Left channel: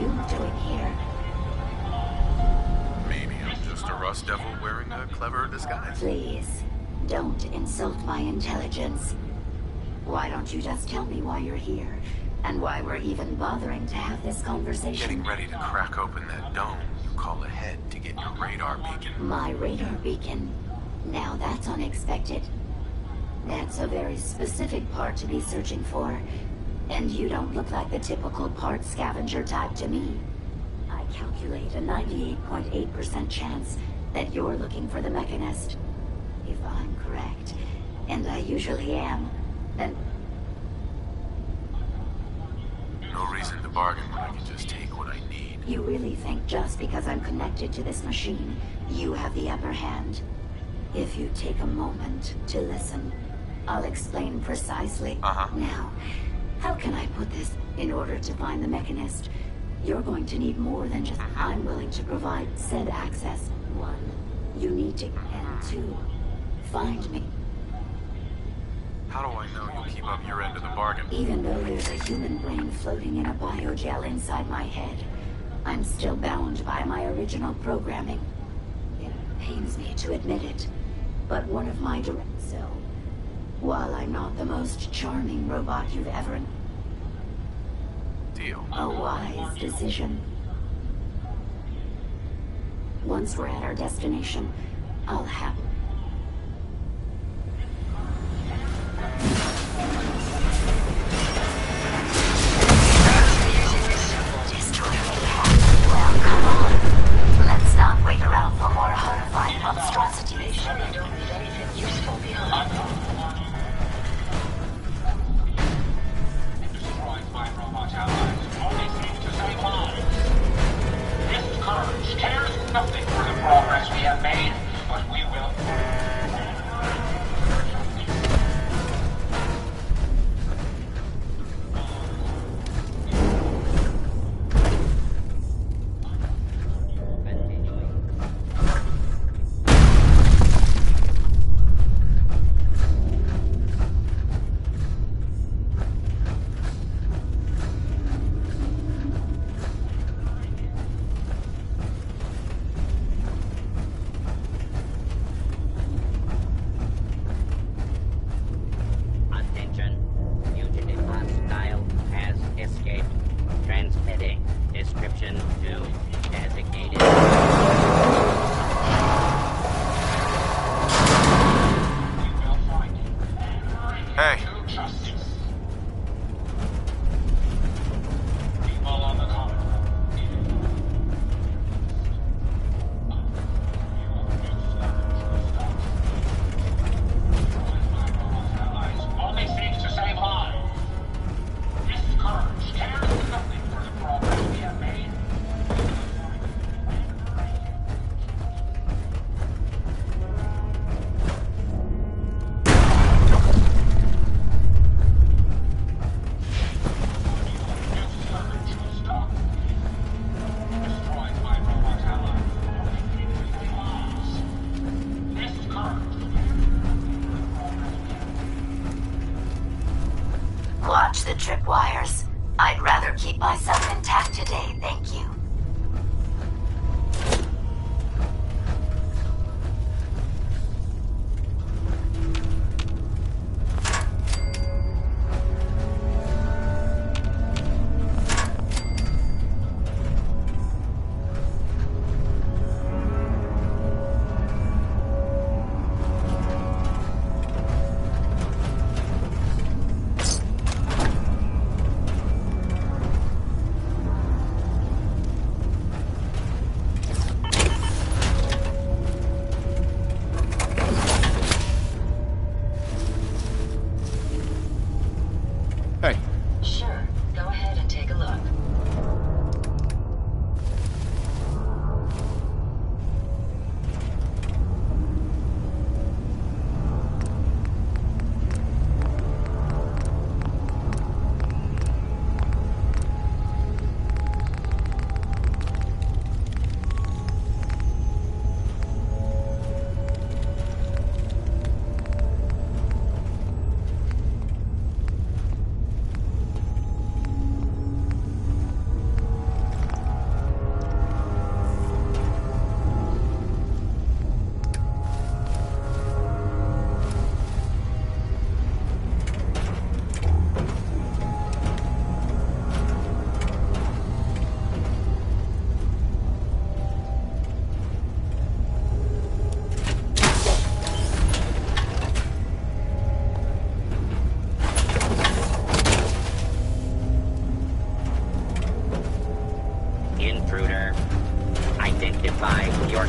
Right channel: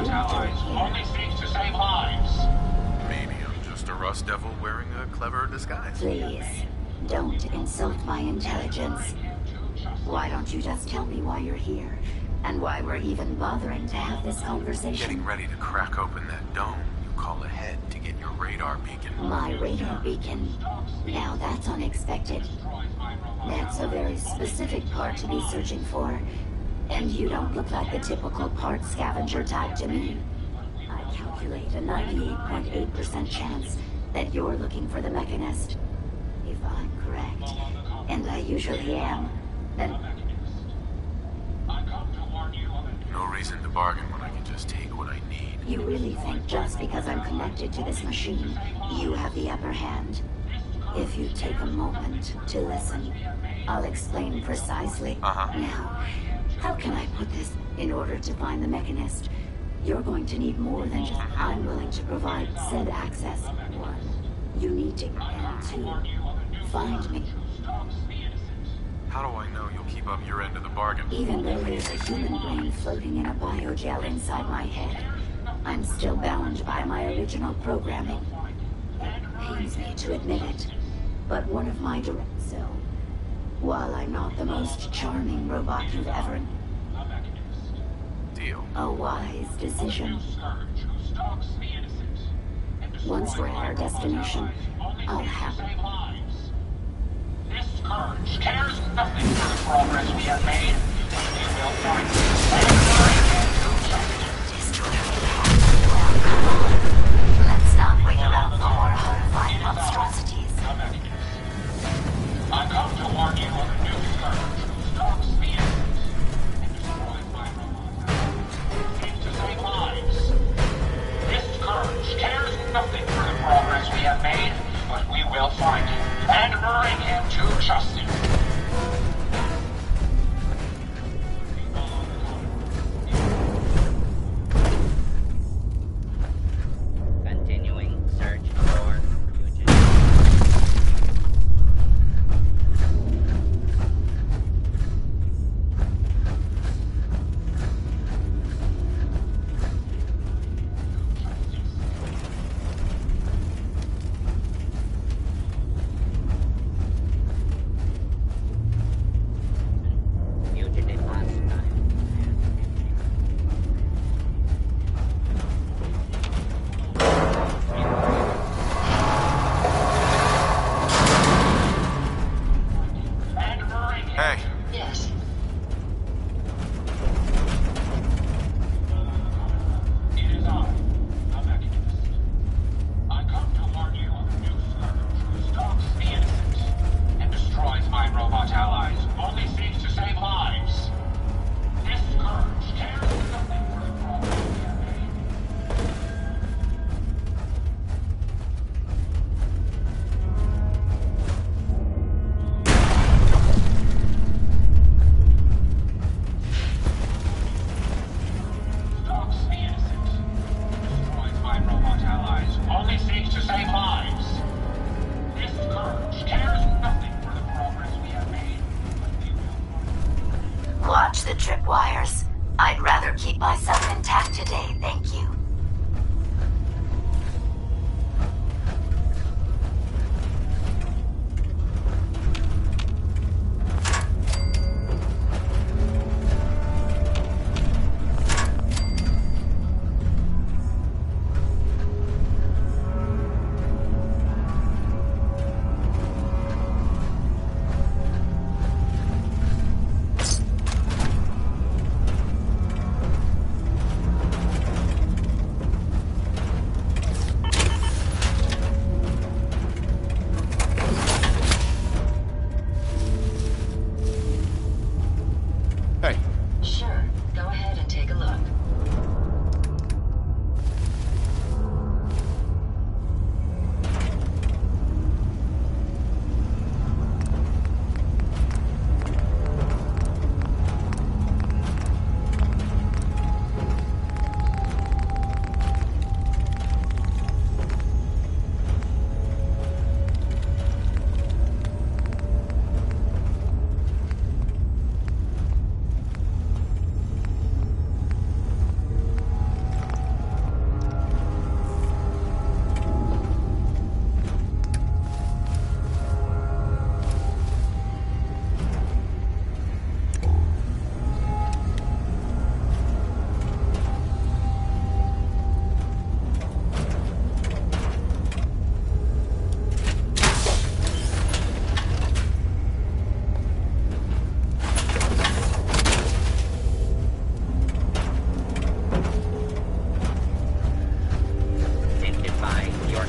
you doing here? Maybe I'm just a rust devil wearing a clever disguise. Please, don't insult my intelligence. Why don't you just tell me why you're here, and why we're even bothering to have this conversation? Getting ready to crack open that dome you call ahead to get your radar beacon. My radar beacon? Now that's unexpected. That's a very specific part to be searching for. And you don't look like the typical part scavenger type to me. I calculate a 98.8% chance that you're looking for the mechanist. If I'm correct, and I usually am, then... No reason to bargain when I can just take what I need. You really think just because I'm connected to this machine, you have the upper hand? If you take a moment to listen, I'll explain precisely. Now, how can I put this? In order to find the mechanist, you're going to need more than just I'm willing to provide said access. 1, you need to, and 2, find me. How do I know you'll keep up your end of the bargain? Even though there's a human brain floating in a biogel inside my head, I'm still bound by my original programming. It pains me to admit it, but one of my so, while I'm not the most charming robot you've ever... Deal. A wise decision. Once we're at our destination, I'll have... Well, come on. Let's not wait around for more horrifying monstrosities. This courage cares nothing for the progress we have made, but we will find him and bring him to justice.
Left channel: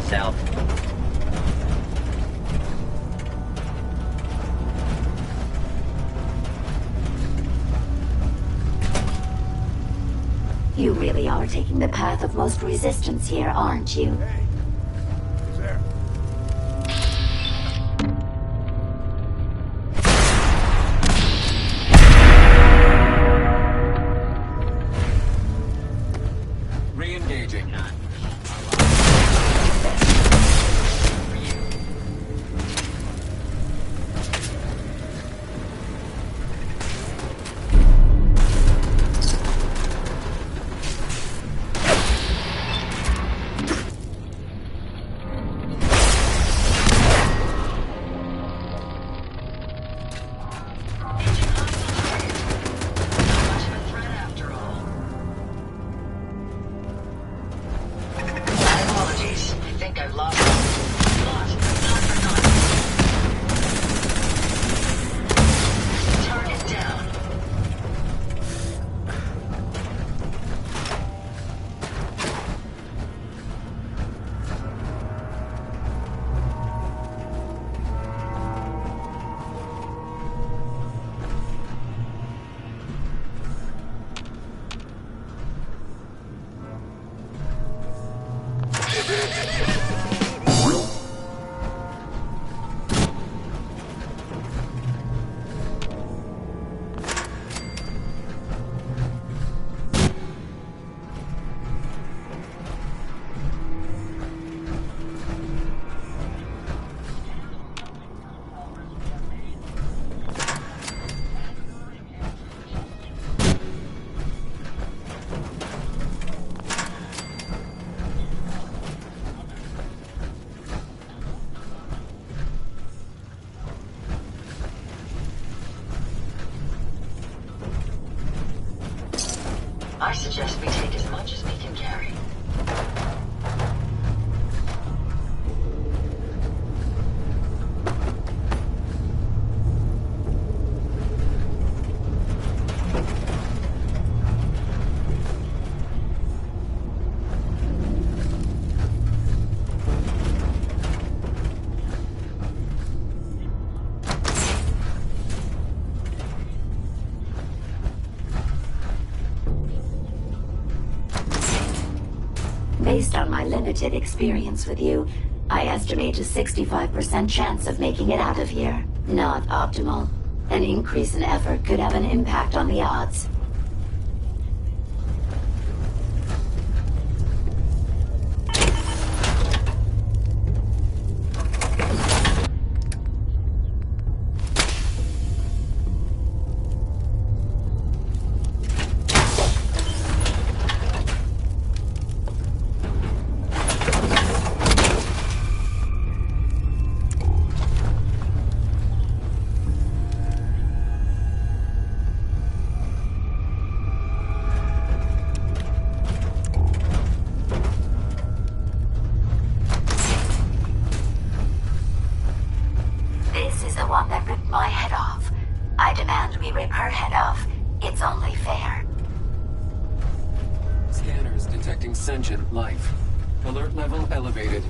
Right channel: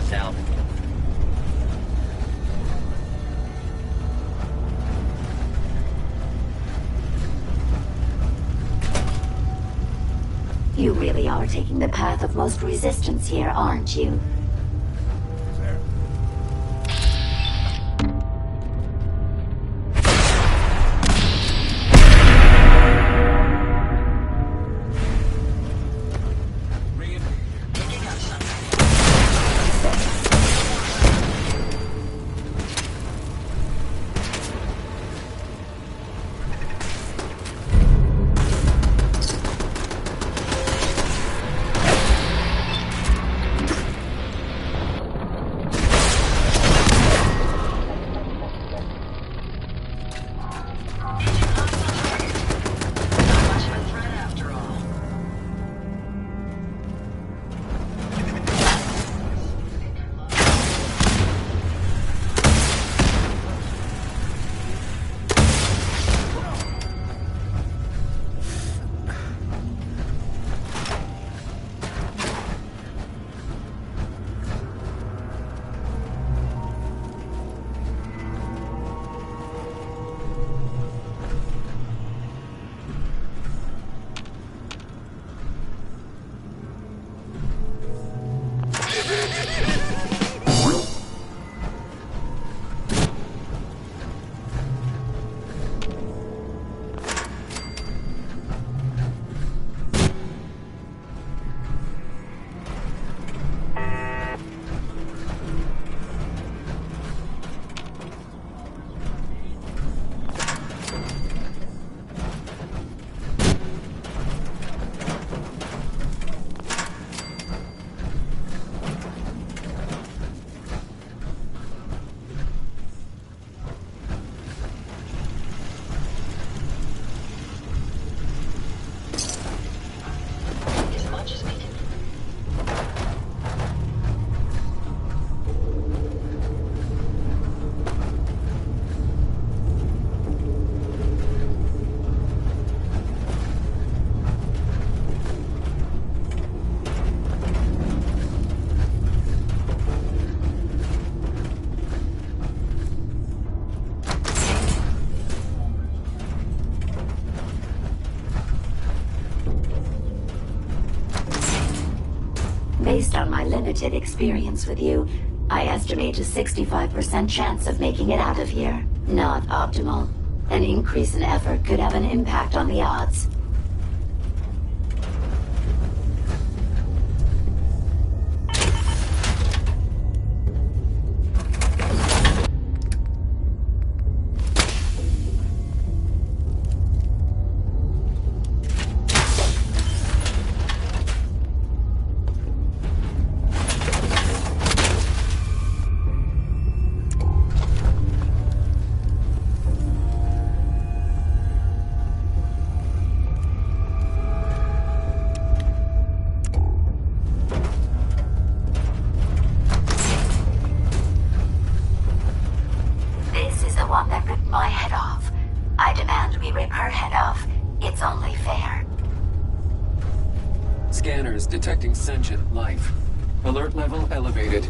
south. You really are taking the path of most resistance here, aren't you? I suggest we take as much as we can carry. Based on my limited experience with you, I estimate a 65% chance of making it out of here. Not optimal. An increase in effort could have an impact on the odds. One that ripped my head off. I demand we rip her head off. It's only fair. Scanners detecting sentient life. Alert level elevated.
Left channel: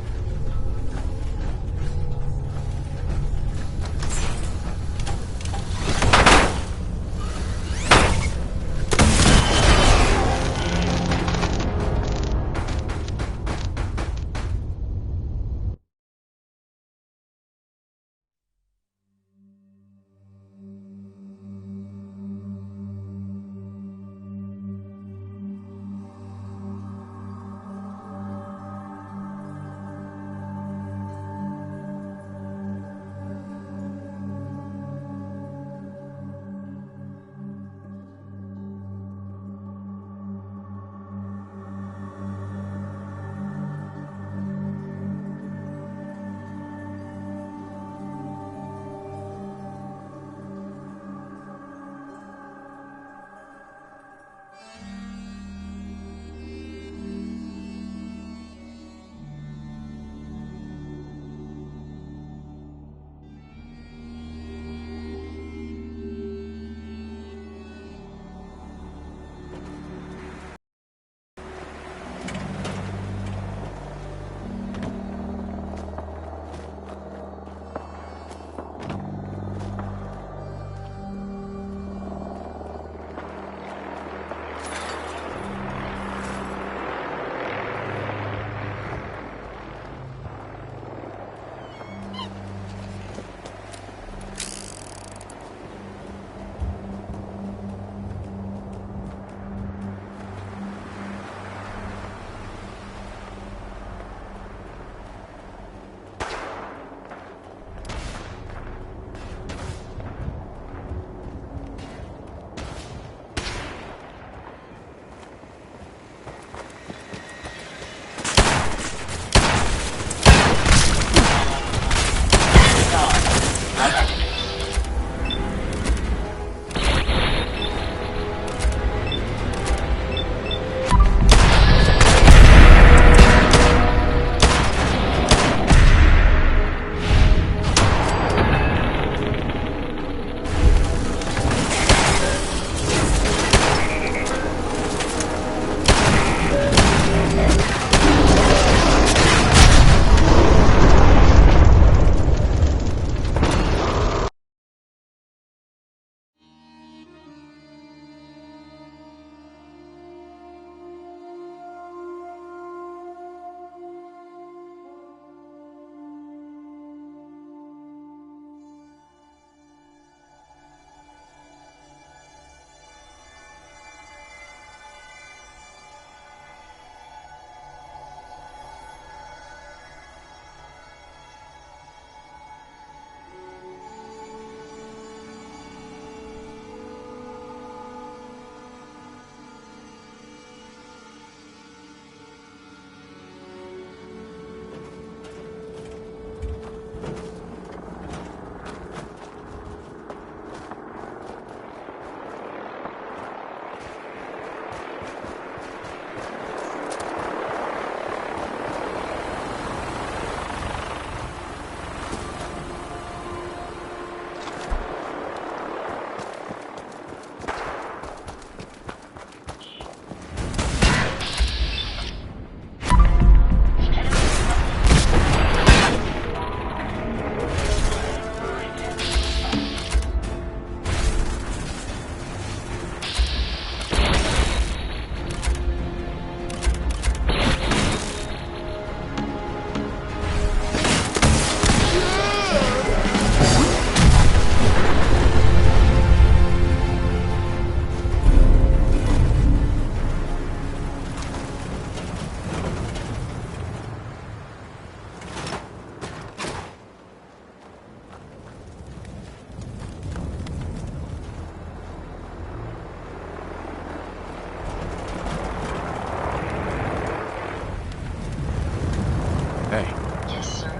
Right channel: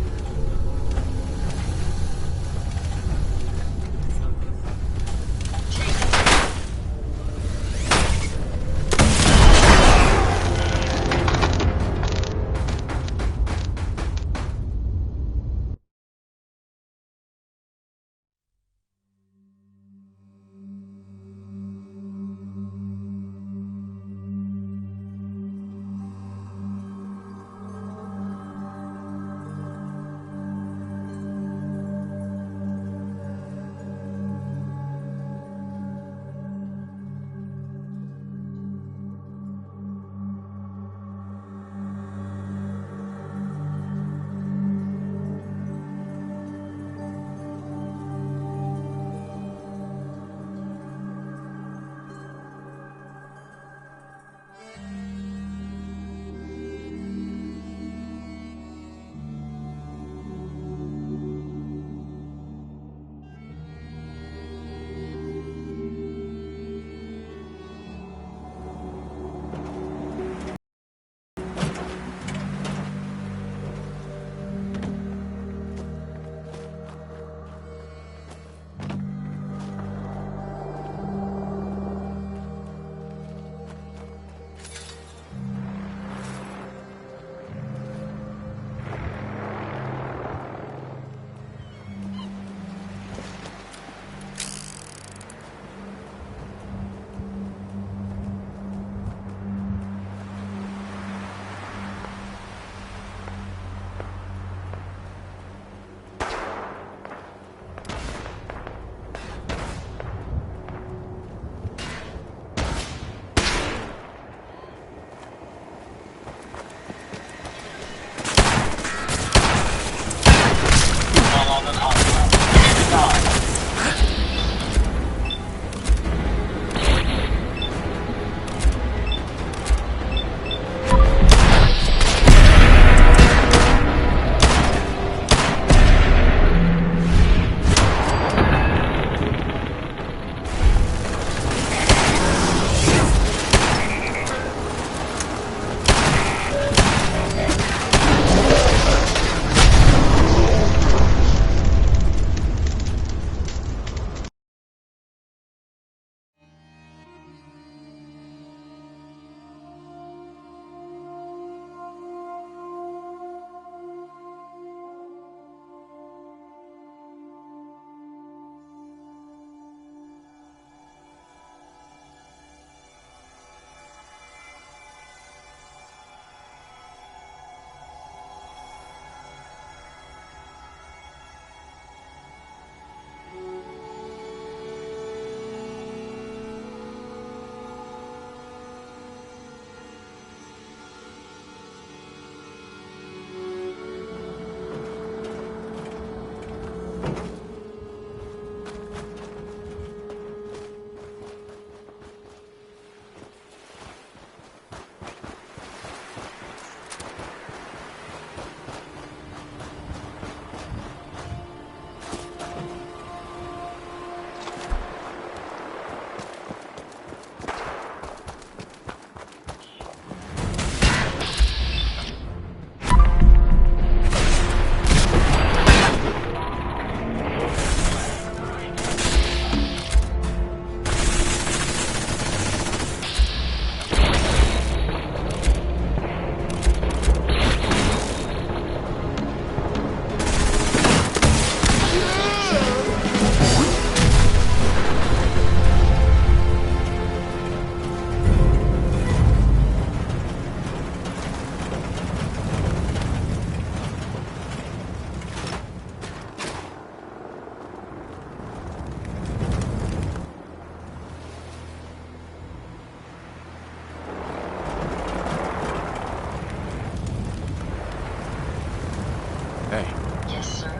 Hey. Yes, sir.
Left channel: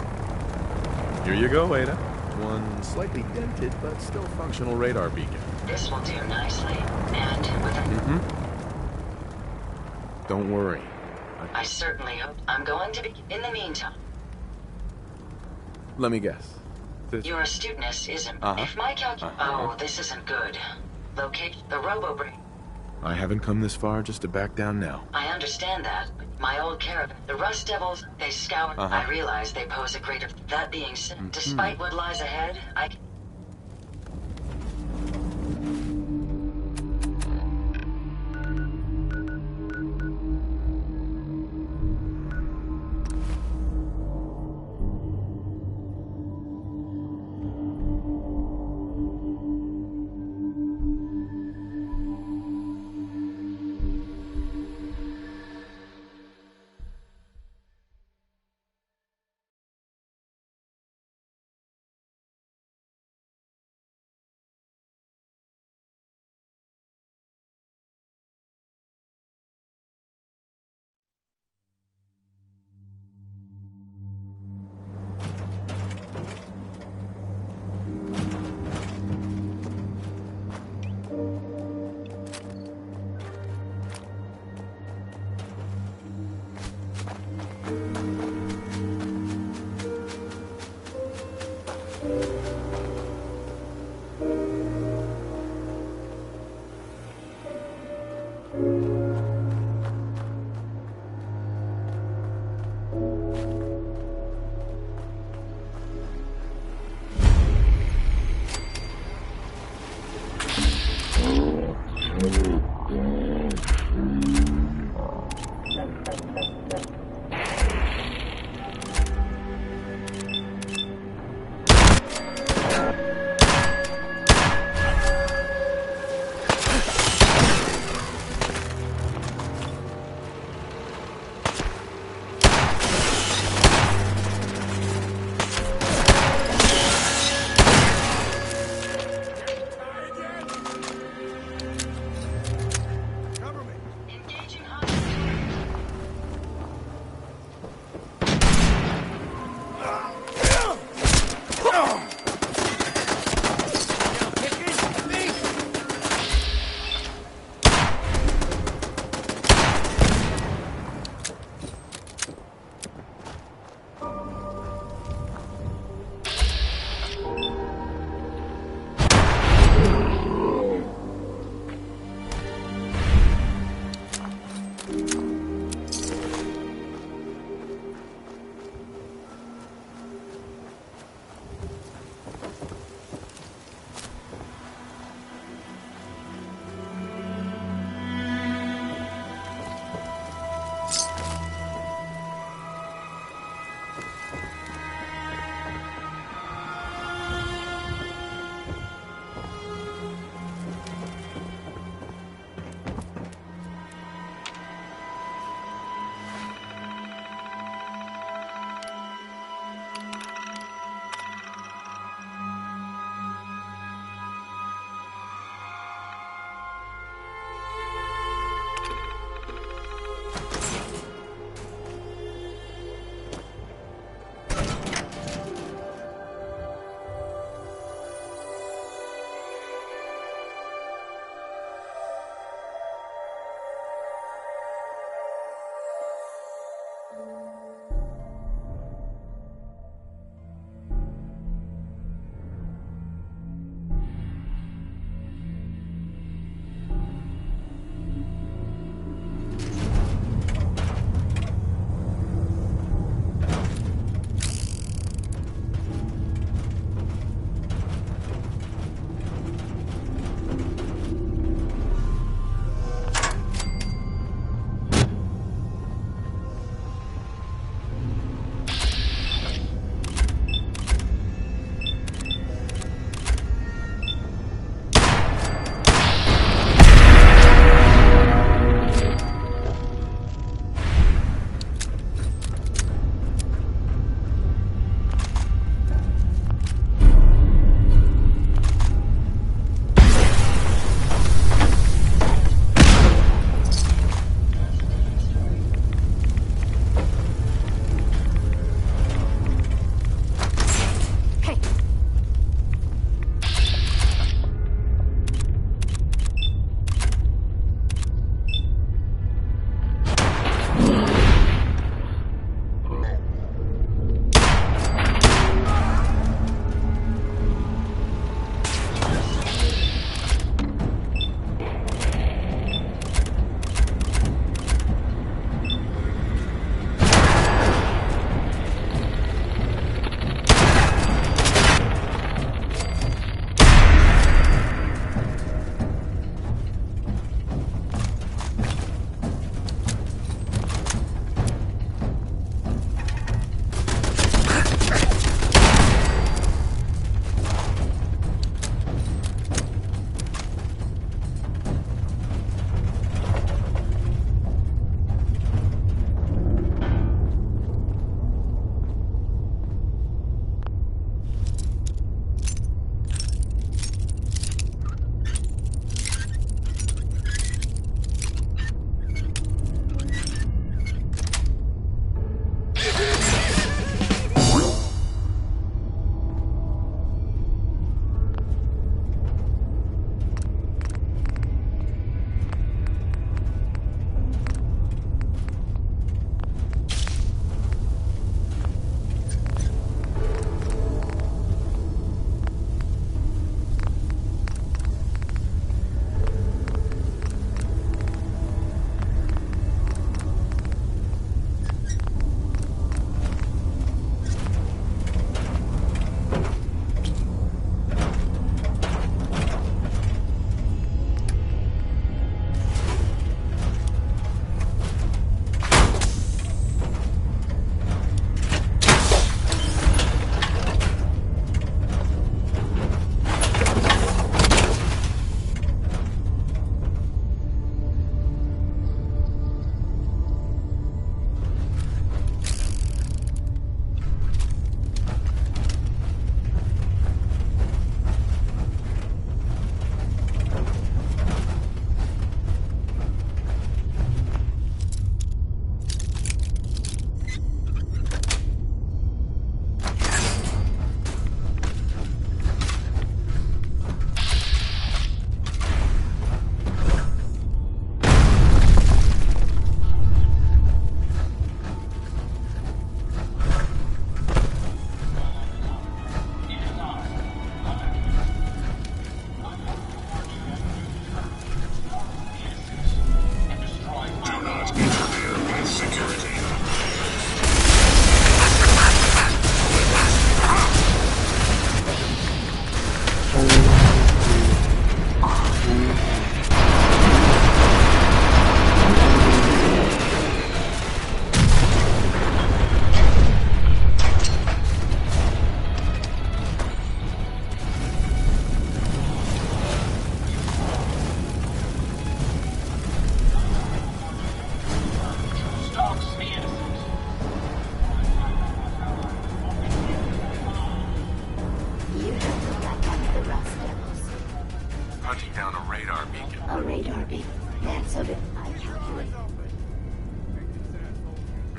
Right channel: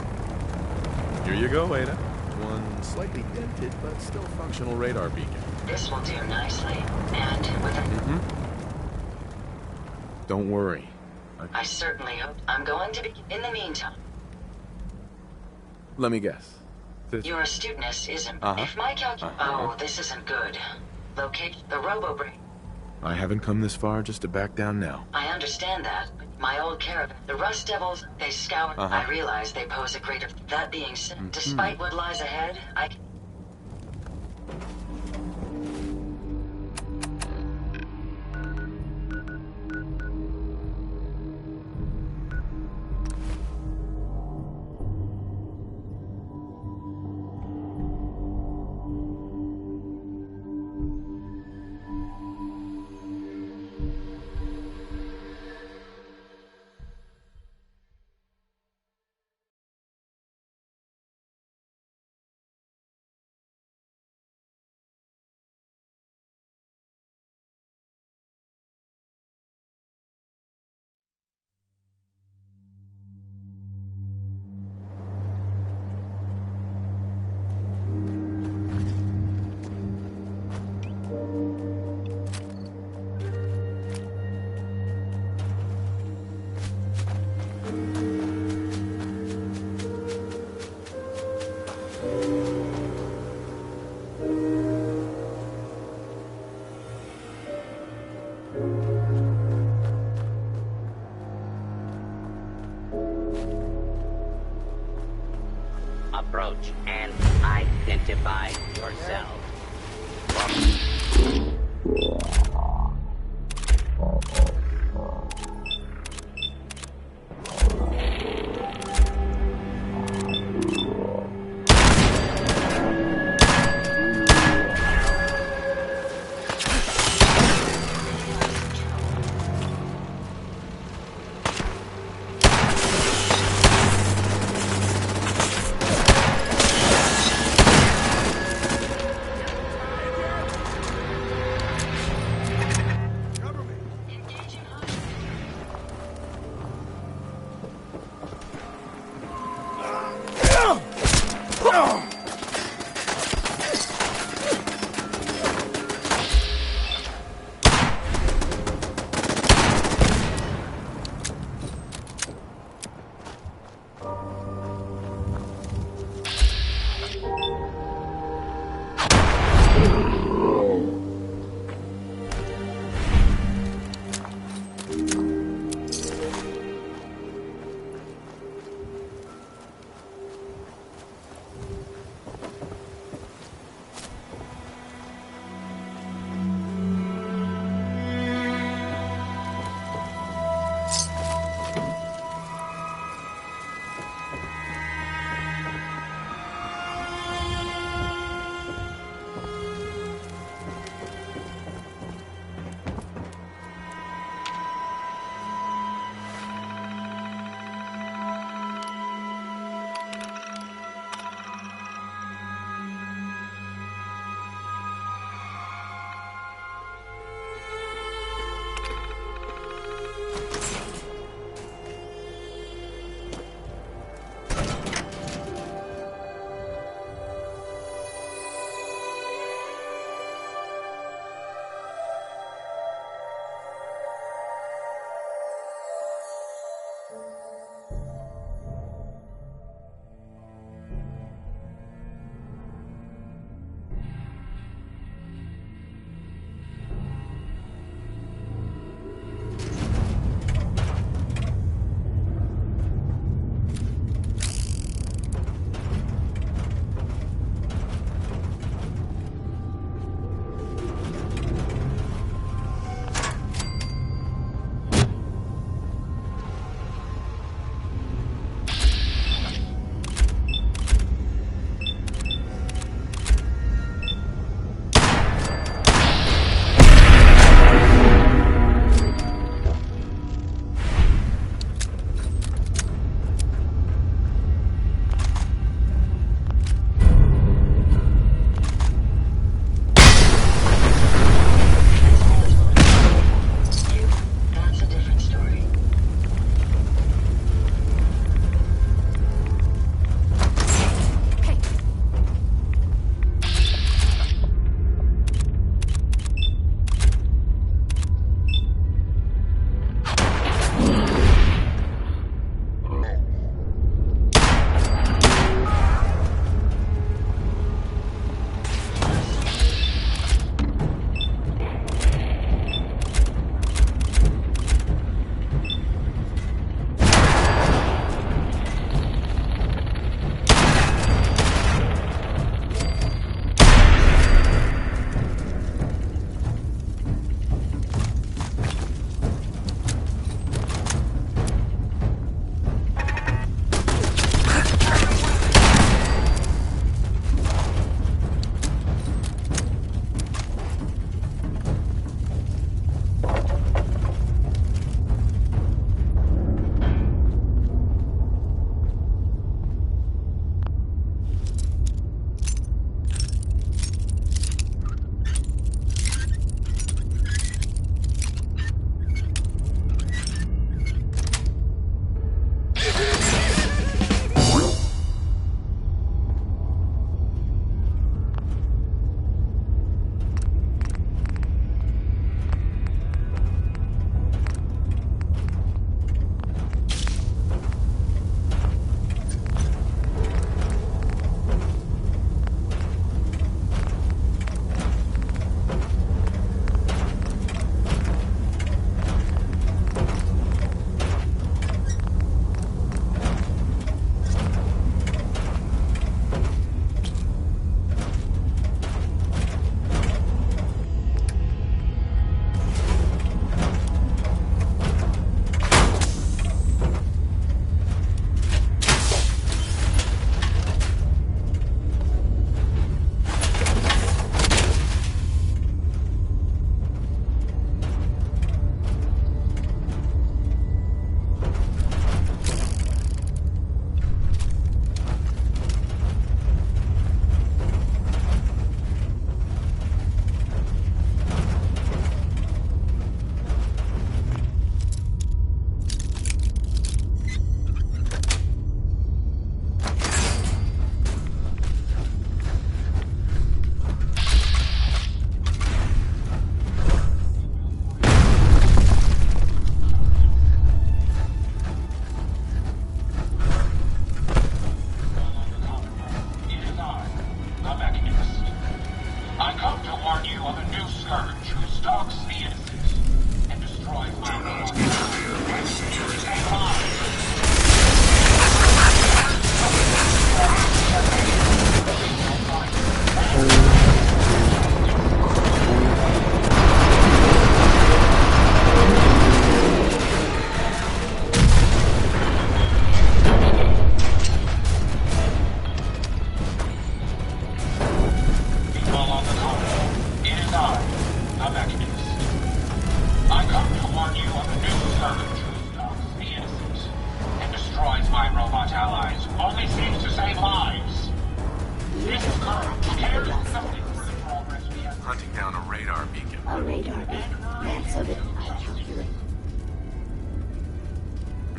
Here you go, Ada. One slightly dented but still functional radar beacon. This will do nicely. And with a... Don't worry. I certainly hope. I'm going to be... In the meantime, Let me guess. your astuteness isn't... Uh-huh. If my Oh, this isn't good. Locate the robo-brain. I haven't come this far just to back down now. I understand that. My old caravan, the Rust Devils, they scour. I realize they pose a greater... That being said, despite what lies ahead, I...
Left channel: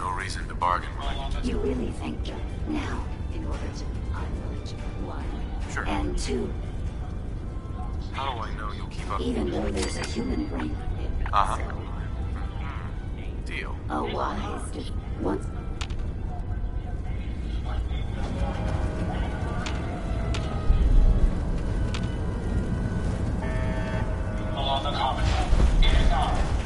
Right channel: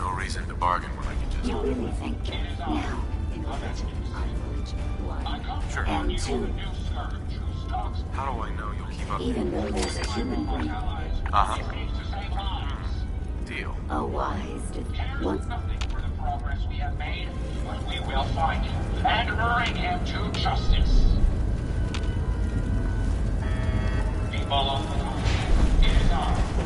No reason to bargain when I can just... You really think now, in order to unleash one Sure. and two, How do I know you'll keep up? even though there's a human brain, Uh-huh. Deal. a wise once Progress we have made, but we will find him and bring him to justice. People on the common, it is I.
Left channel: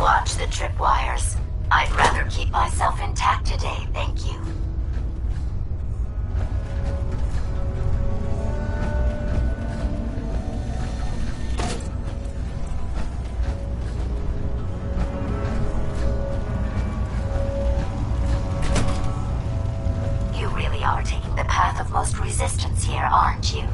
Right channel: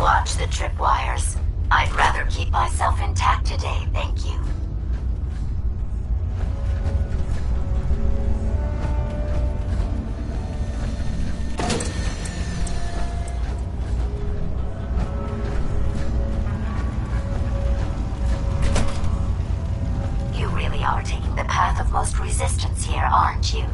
watch the tripwires. I'd rather keep myself intact today, thank you. You really are taking the path of most resistance here, aren't you?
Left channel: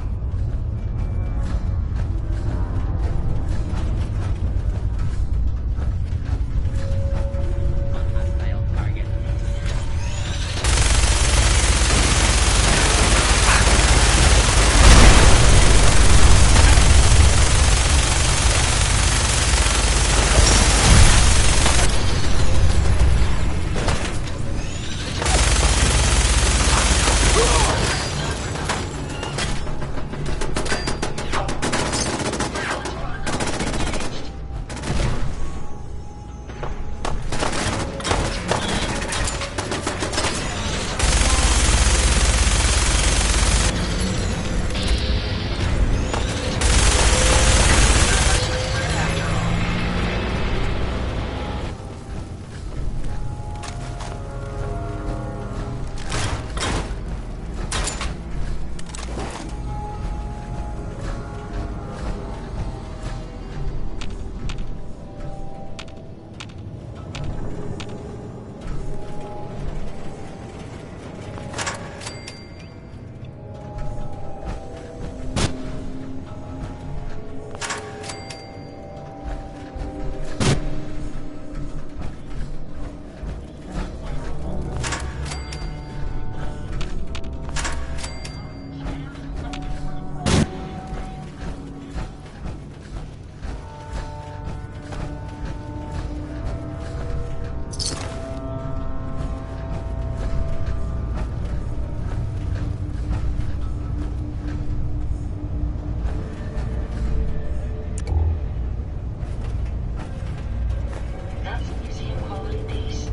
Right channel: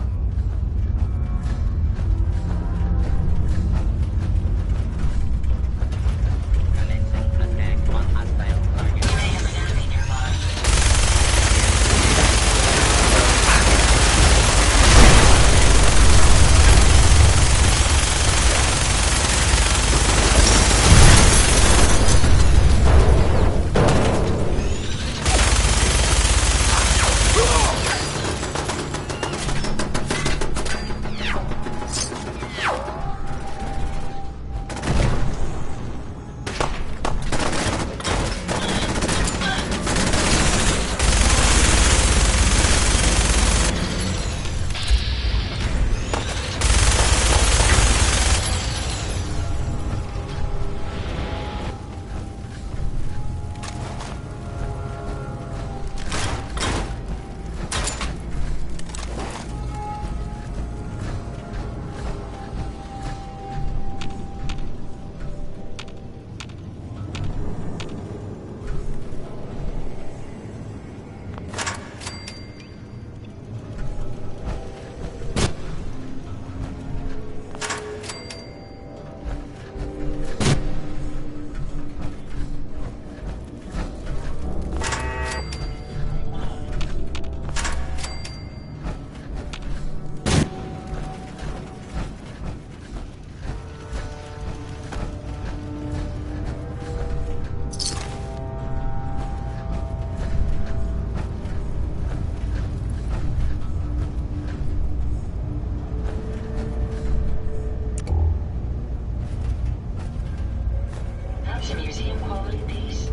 That's a museum quality piece.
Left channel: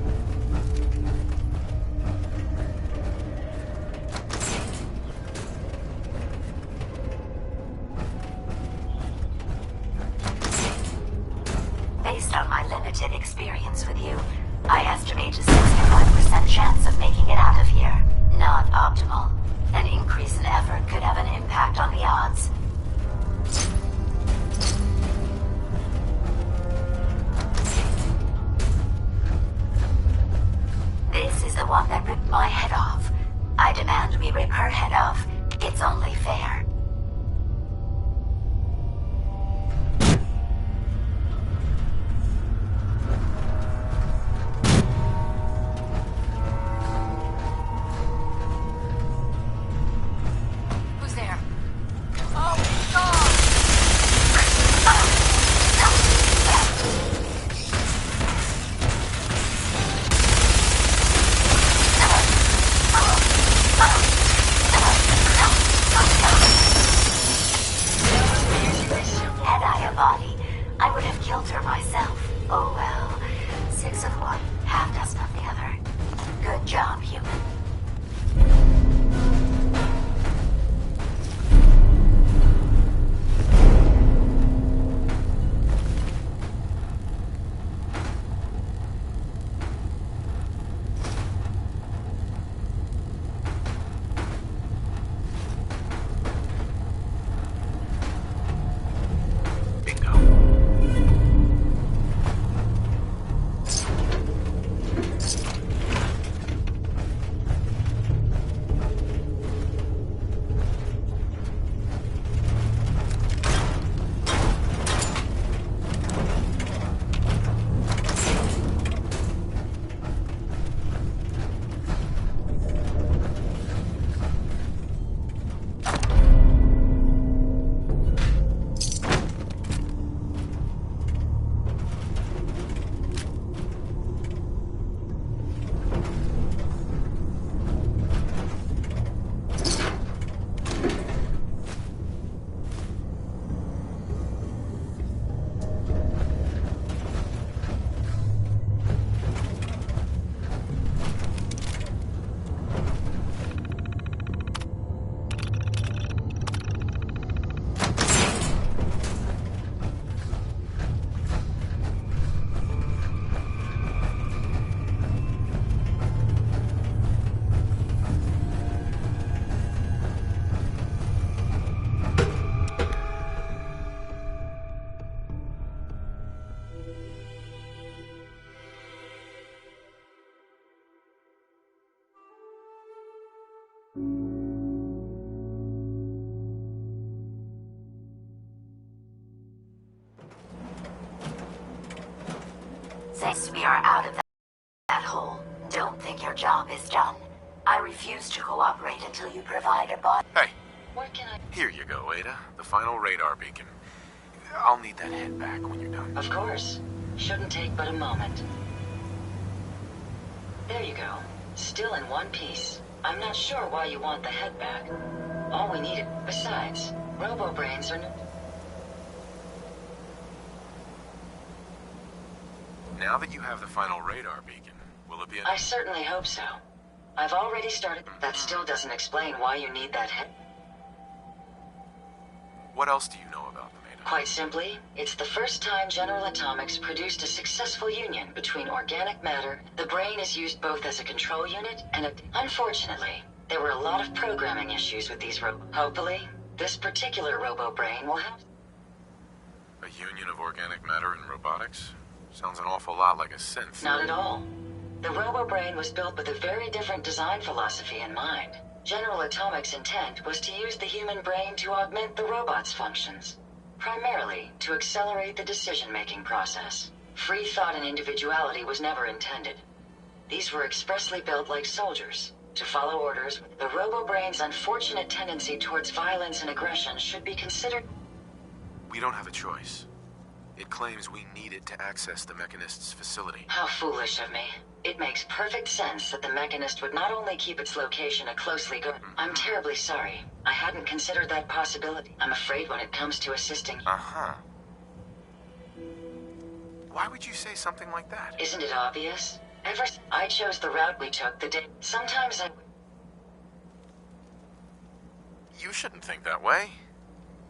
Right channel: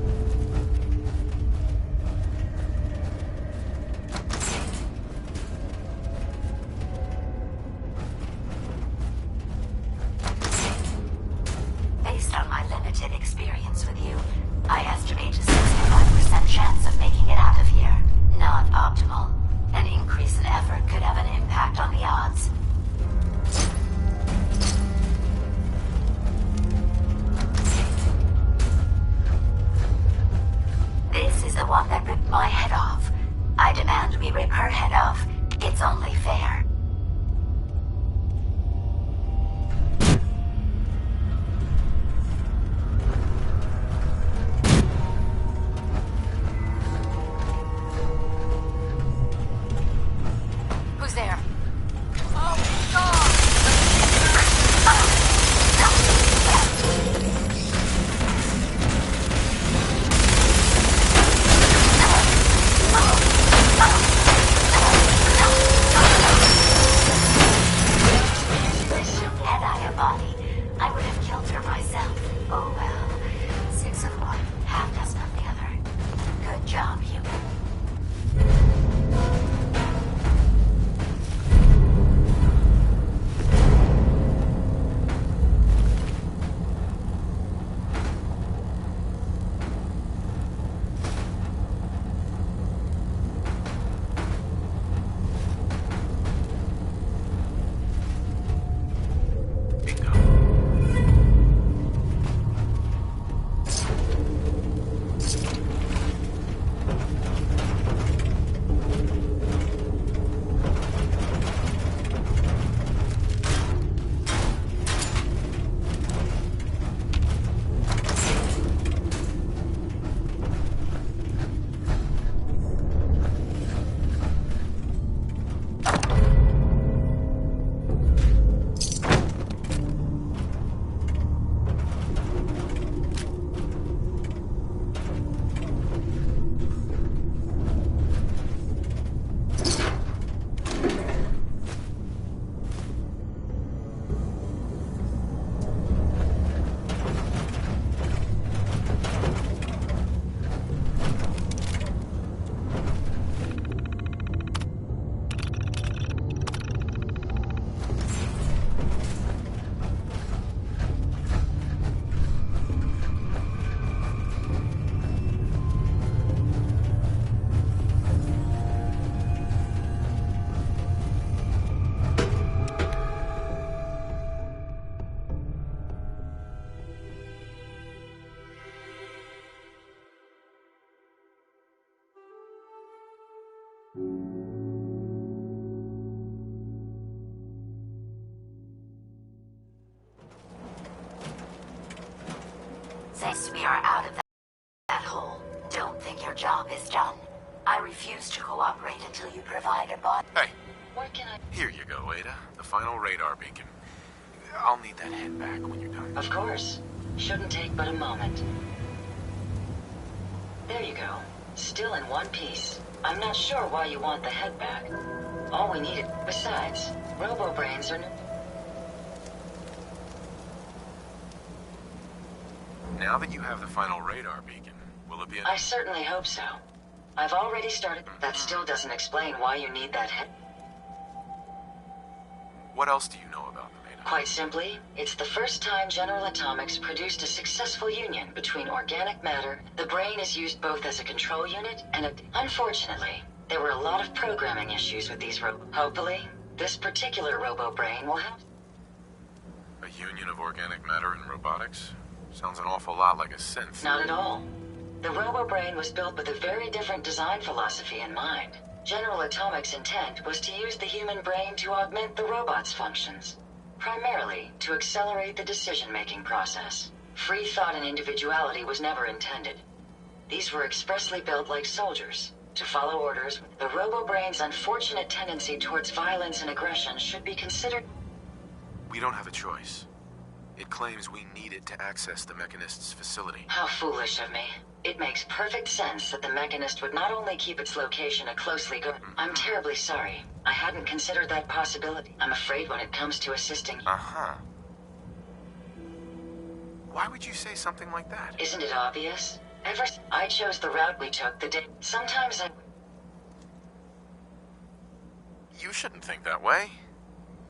Based on my limited experience with you, I estimate a 65% chance of making it out of here. Not optimal. An increase in effort could have an impact on the odds. This is the one that ripped my head off. I demand we rip her head off. It's only fair. Who's there? Oh, God! Had I a body, I would have killed her myself. Oh well. 6 of one, half dozen of the other. Good job, human. Since we are out of that hole, don't think your job is done. I refuse to cooperate until you provide a body. Hey. What can I... Here you go, Ada. The final radar beacon. I'll need that head back when you're done. Of course. Shouldn't take but a moment. There you go. Still in one piece. I'm not sure why you want the head back. All we needed... Besides, robo-brains are... Now that you have the final radar beacon, will it be... I certainly hope so. I've already started... That still doesn't explain why you need that head. What else do you know about them, Ada? Quite simply, it's the first time General Atomics produced a successful union between organic matter. The brain is used both as a control unit and a... Unfortunately, there were a lot of programming issues with these Hopefully, this particular robo-brain will have... A union of organic matter and robotics? Sounds an awful lot like a synth. Not at all. The robo-brain was built with a very different design philosophy in mind. General Atomics' intent was to use the human brain to augment the robot's functions, primarily to accelerate the decision-making process. Free thought and individuality was never intended. These were expressly built like soldiers, to follow orders. The robo-brain's unfortunate tendency towards violence and aggression should be considered... We don't have a choice. It claims we need it to access the Mechanist's facility. How foolish of me. It makes perfect sense that the Mechanist would not only keep its location a closely guarded... I'm terribly sorry. I hadn't considered that possibility. I'm afraid when it comes to assisting... Uh-huh. Why would you say something like that? Isn't it obvious? I chose the route we took the day... Sometimes I... You shouldn't think that way.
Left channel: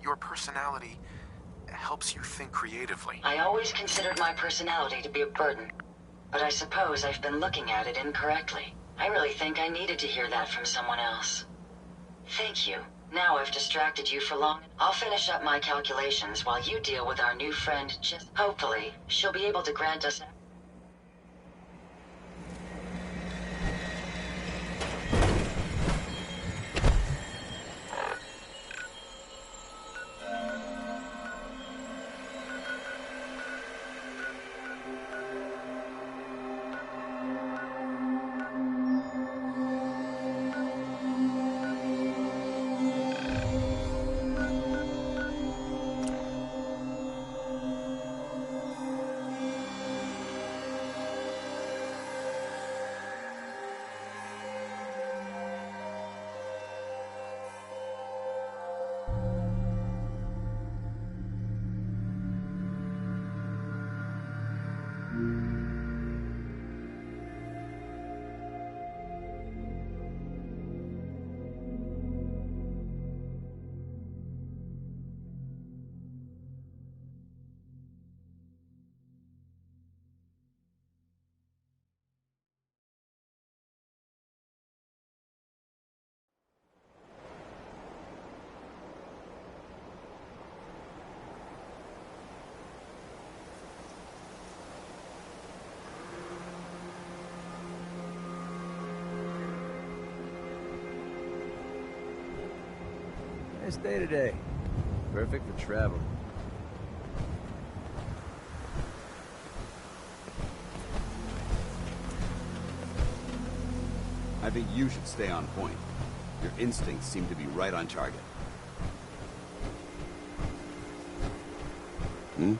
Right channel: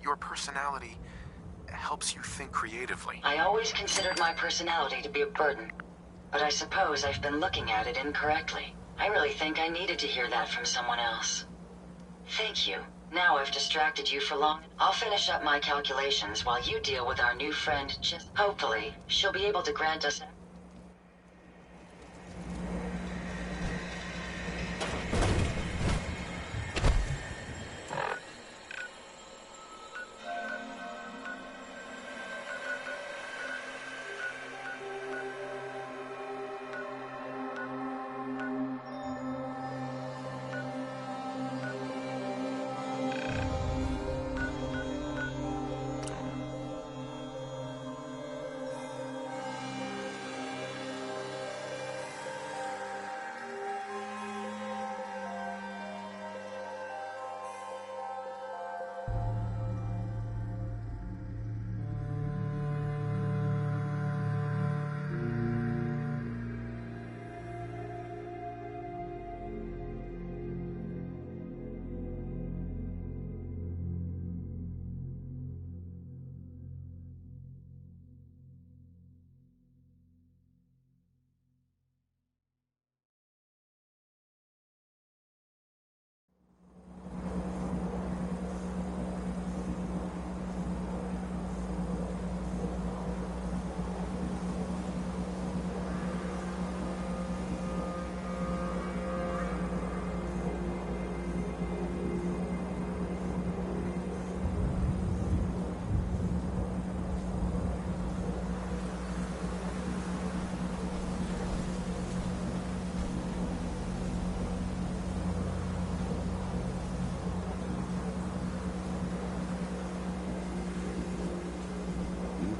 Your personality helps you think creatively. I always considered my personality to be a burden. But I suppose I've been looking at it incorrectly. I really think I needed to hear that from someone else. Thank you. Now I've distracted you for long. I'll finish up my calculations while you deal with our new friend, Hopefully, she'll be able to grant us... Day today. Perfect for travel. I think you should stay on point. Your instincts seem to be right on target. Hmm?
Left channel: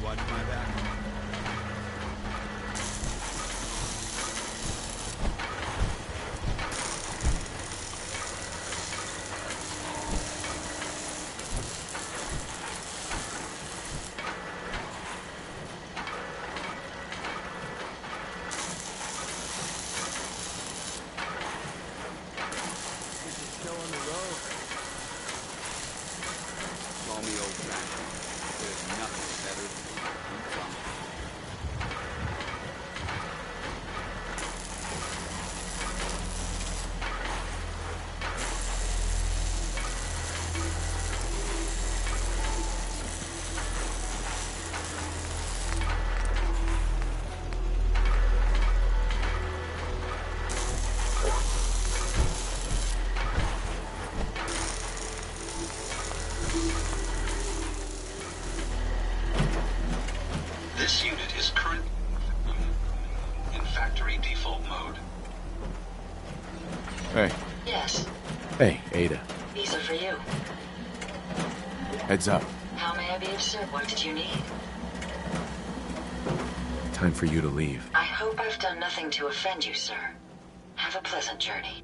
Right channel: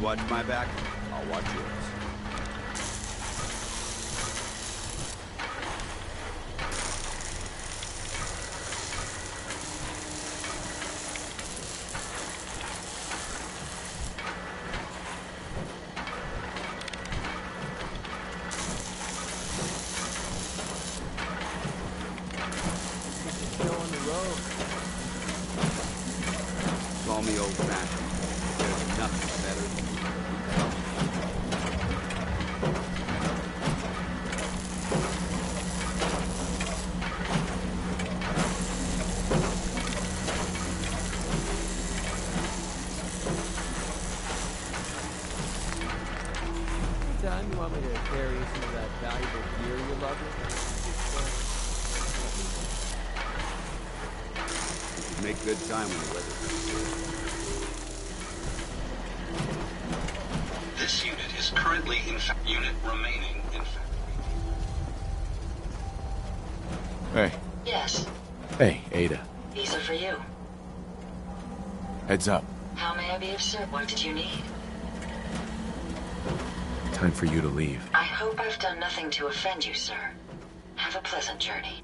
You watch my back, I'll watch yours. Call me old-fashioned. There's nothing better than something. John, you want me to carry this into that valuable gear you love? Make good time with it. This unit is currently in unit remaining in factory default mode. Hey. Yes, Hey, Ada. these are for you. Heads up. How may I be of service? What did you need? Time for you to leave. I hope I've done nothing to offend you, sir. Have a pleasant journey.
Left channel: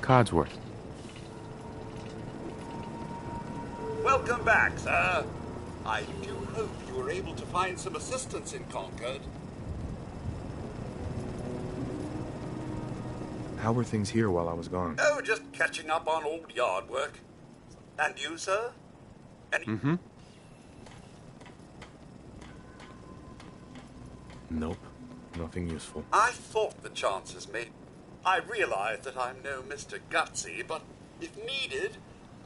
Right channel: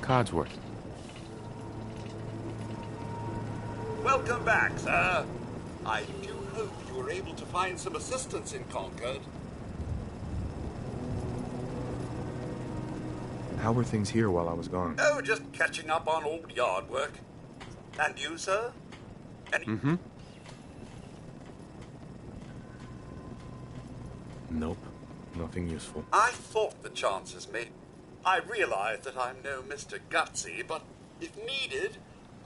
Codsworth. Welcome back, sir. I do hope you were able to find some assistance in Concord. How were things here while I was gone? Oh, just catching up on old yard work. And you, sir? Nope. Nothing useful. I thought the chances may... I realize that I'm no Mr. Gutsy, but if needed,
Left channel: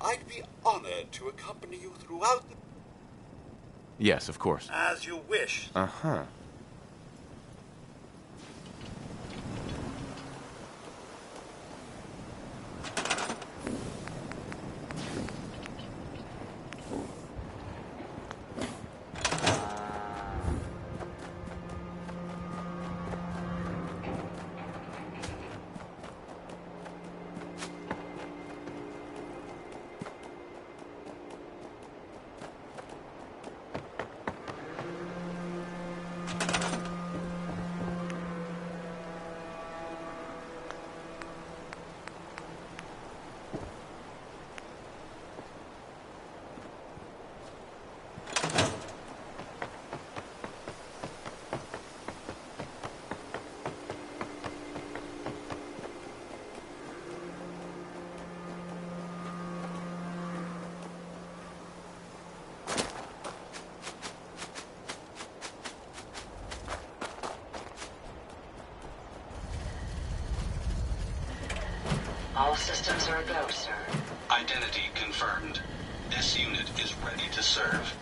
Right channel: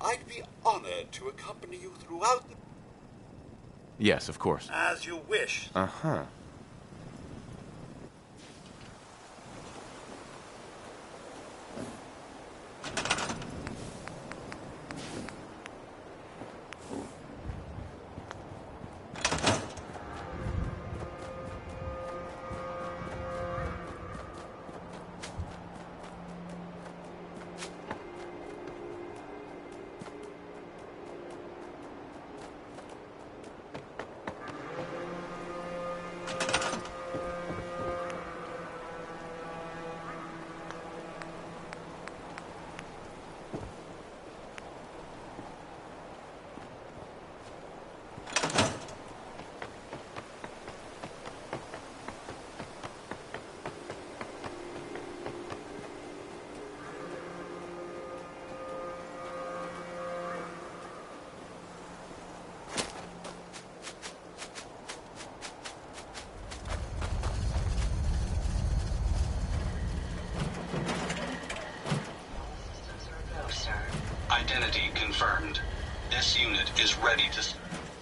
I'd be honored to accompany you throughout the... Yes, of course. As you wish. Uh-huh. All systems are a go, sir. Identity confirmed. This unit is ready to serve.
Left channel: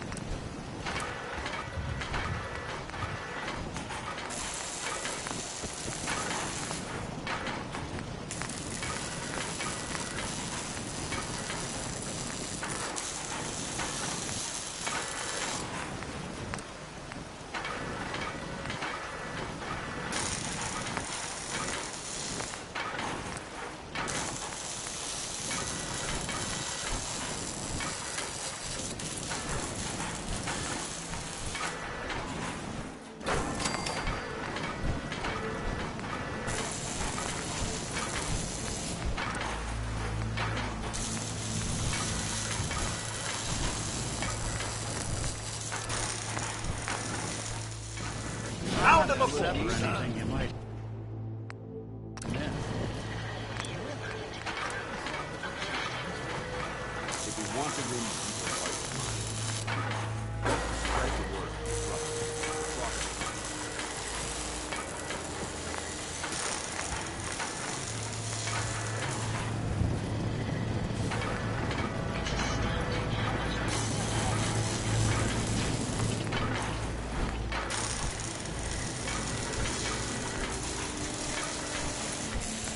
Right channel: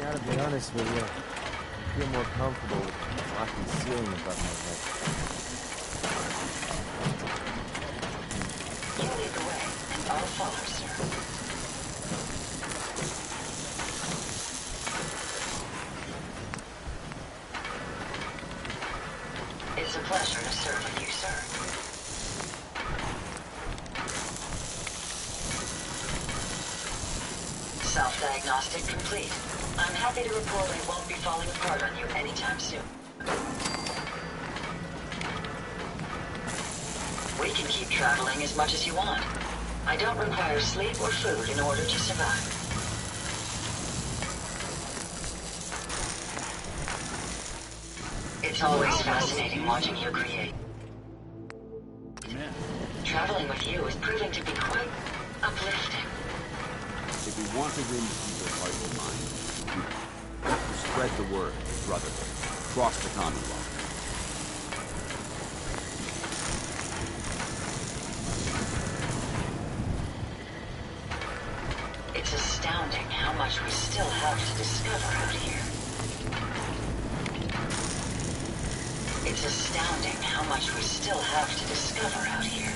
Gotta be honest with you. I feel more comfortable watching the ceiling above my head. It's a pleasure to serve you, sir. Self-diagnostic complete. I'm happy happy to report it won't be falling apart on you anytime soon. We can keep traveling as much as you want. I don't require sleep or food in order to survive. It's always fascinating watching you create. Yeah. Traveling with you is proving to be quite uplifting. If we want to win people's hearts and minds, spread the word, brother. Cross the continent. It's astounding how much we still have to discover out here. It's astounding how much we still have to discover out here.